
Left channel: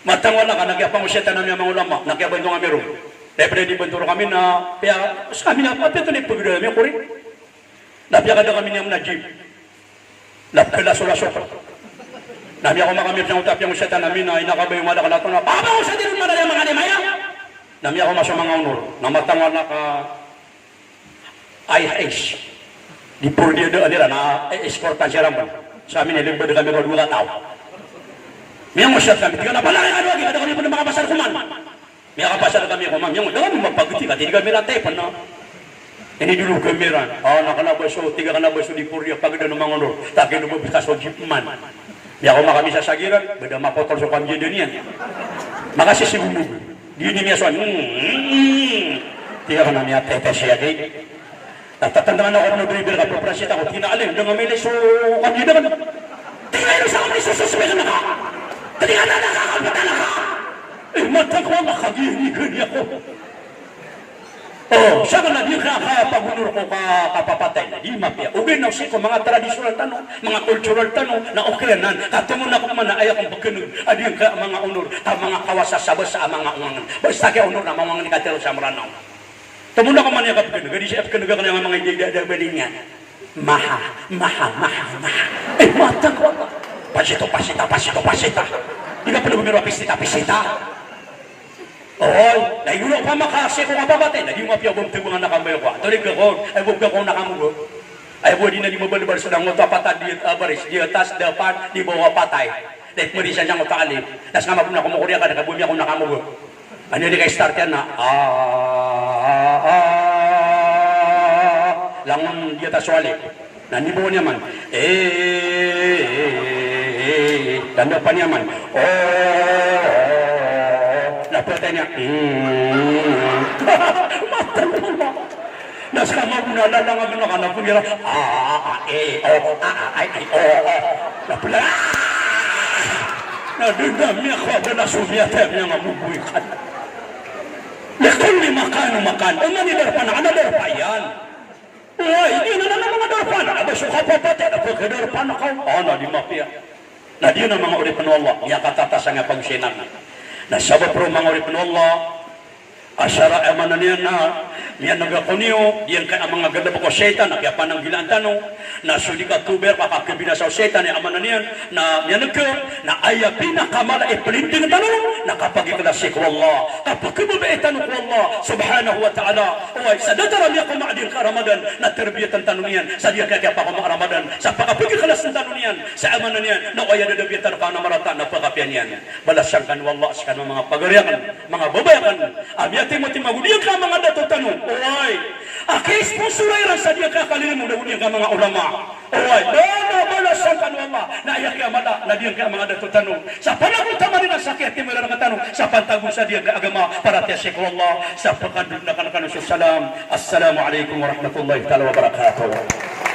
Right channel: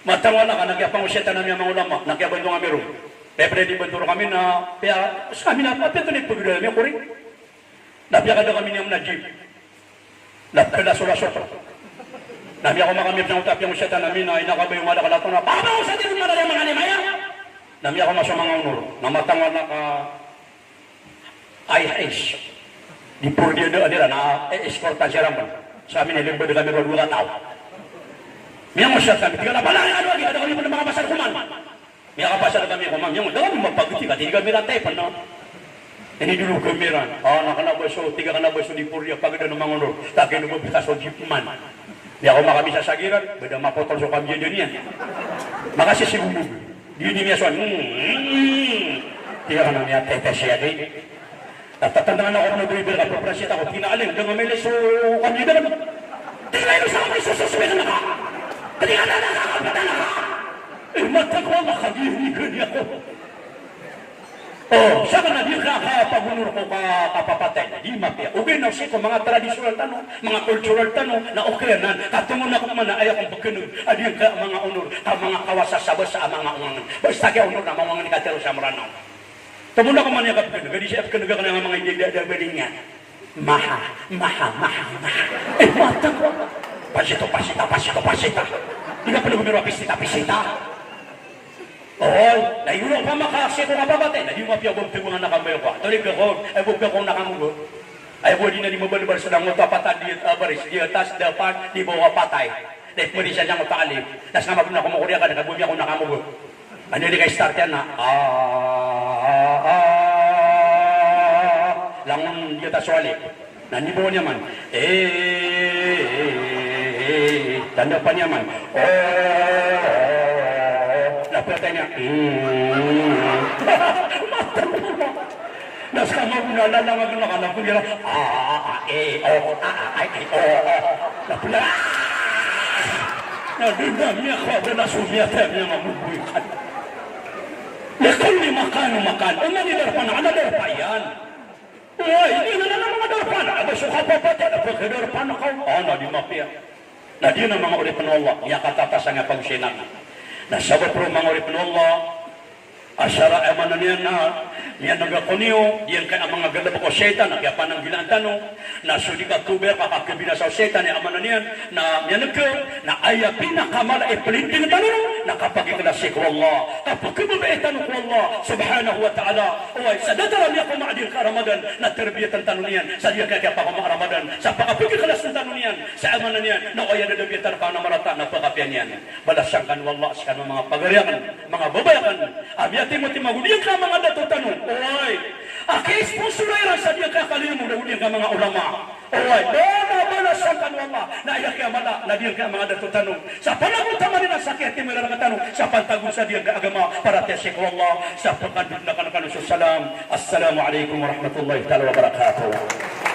matangwa na ka nagyapang usyeta na mga ulama nagyapang ko nga meron dahil di banturo kami na kaya sa kami na papi ito na ipagdala niya kurin napya kada kami niyang najib napya laso-laso nami ako makamit ng utap yung usyeta namin na inakabay yung madakala ito na papaw sa dinong madali mga limaya nami ako masya mga unor na matangwa na ka IHS di puro dia nila na escortan siya ramban sa amin nilimbad kami ko 2 tao miya mo siya kami tiga na balaki ka lagi kada kami po ng mga pasal kuman miya kapasal kami kuman miya mo daw mo magpaguti ka tiga kami natay pa na ini dulu kamiran nakalabay so tiga kalabay so di puro dia pagda ng mga unor takin mo bitas o jipman miya ako makami sa sagiran beda mapotol so kami dyan makasih si bumbu di niya so tiga ka na miya tete siya di tatandaan ako ng bibir ka paprasit ako pinaalim dengan may leso kanya naman tingnan sa kami sususubay na ka tingnan na nakakapatala ka mata ko nakagihinigan niya ko siya ka na di kakapagunor ko kapapatay na di mapya ubin na siya ko mga tradisyonal tanong mga cultural tanong na okrenan katungo na ko man na ayaw kong pagkinog adiyan ka mga unor mga kawasasabas sa mga unor basta kaya unor na mga nikatero sa maranaw Tumula ko man niya kapag gadi siya kapag ka ng mga hindi niya. Maha. Matang ko. Pasita. Di ka pala gumiro pisita. Oh, nayuno pa makasi ko nga babatay. Nayuno pa yung gumti ko nga nakamay ko. Tuloy ka ko, ay bugka ko nakamugot. Ay buwan din na di mabalibar sa nang patad di baris, di atas, dapat, di bawa patay. Dahil marisa niya ko taalip. Tapos nga mapuna kumukurya ka, nakabumi ako nakamugot. Ano yun kay start yan na, langon di atas wali. Nanibaw niya man, tanda pa niya man, napatay niya, nasa kamag na lalangag na ka na kuya, napala, nadudami ako, wala sumyater niya mabubuhay ka. Yakon ni makan, o manidar pa na, anadar pa yan. Ay, hindi na naman mga darpan, nakabasok ka pa pati, napagkadarpan ako. Na di mapia. Na di na mga uripan Allah, niya katatasan nga pagsinan. Nasabot ro mga uripan Allah, asyara emanan niya na, niya nagakuniyo, diyan ka ang mga ganda ko setan, kaya pa nang gilaan tanong, na sulik Oktuber, pakakabinasaw setan, niya amanan niya, na niya nagkaw, na aya pinakamala ipalinting tanong, na kapag iklasik ko Allah, kapag kumabaitan ko Allah, subhanahu wa ta'ala, oy, sa dadara niya kung maadir ka Ramadan, na terbiyatan tanong niyan, sa diya kaya pa kung Ramadan, sa pakapagiklas ng tanong niyan, sa amanan niyan, na kaya nadabiyatan ka na marata, na pakapian niyan, balasang kan wallah, sa kanong mga pagariakan, mga babayakan, amyatin mo timaguliyan ka mga dato tanong, oy, akis po surairan sa diya kakalin mo, naguliyan ka mga ulama, oy, balasang kan wallah, na ayak ka mala, na diya ka mga dato tanong, sa panahon tamarin ang sakit, timila ng tanong, sa pantagong sa diya ka agama, para tesik wallah, sa pagkandun na kanakanusus salam, assalamualaikum warahmatullahi wabarakatuh.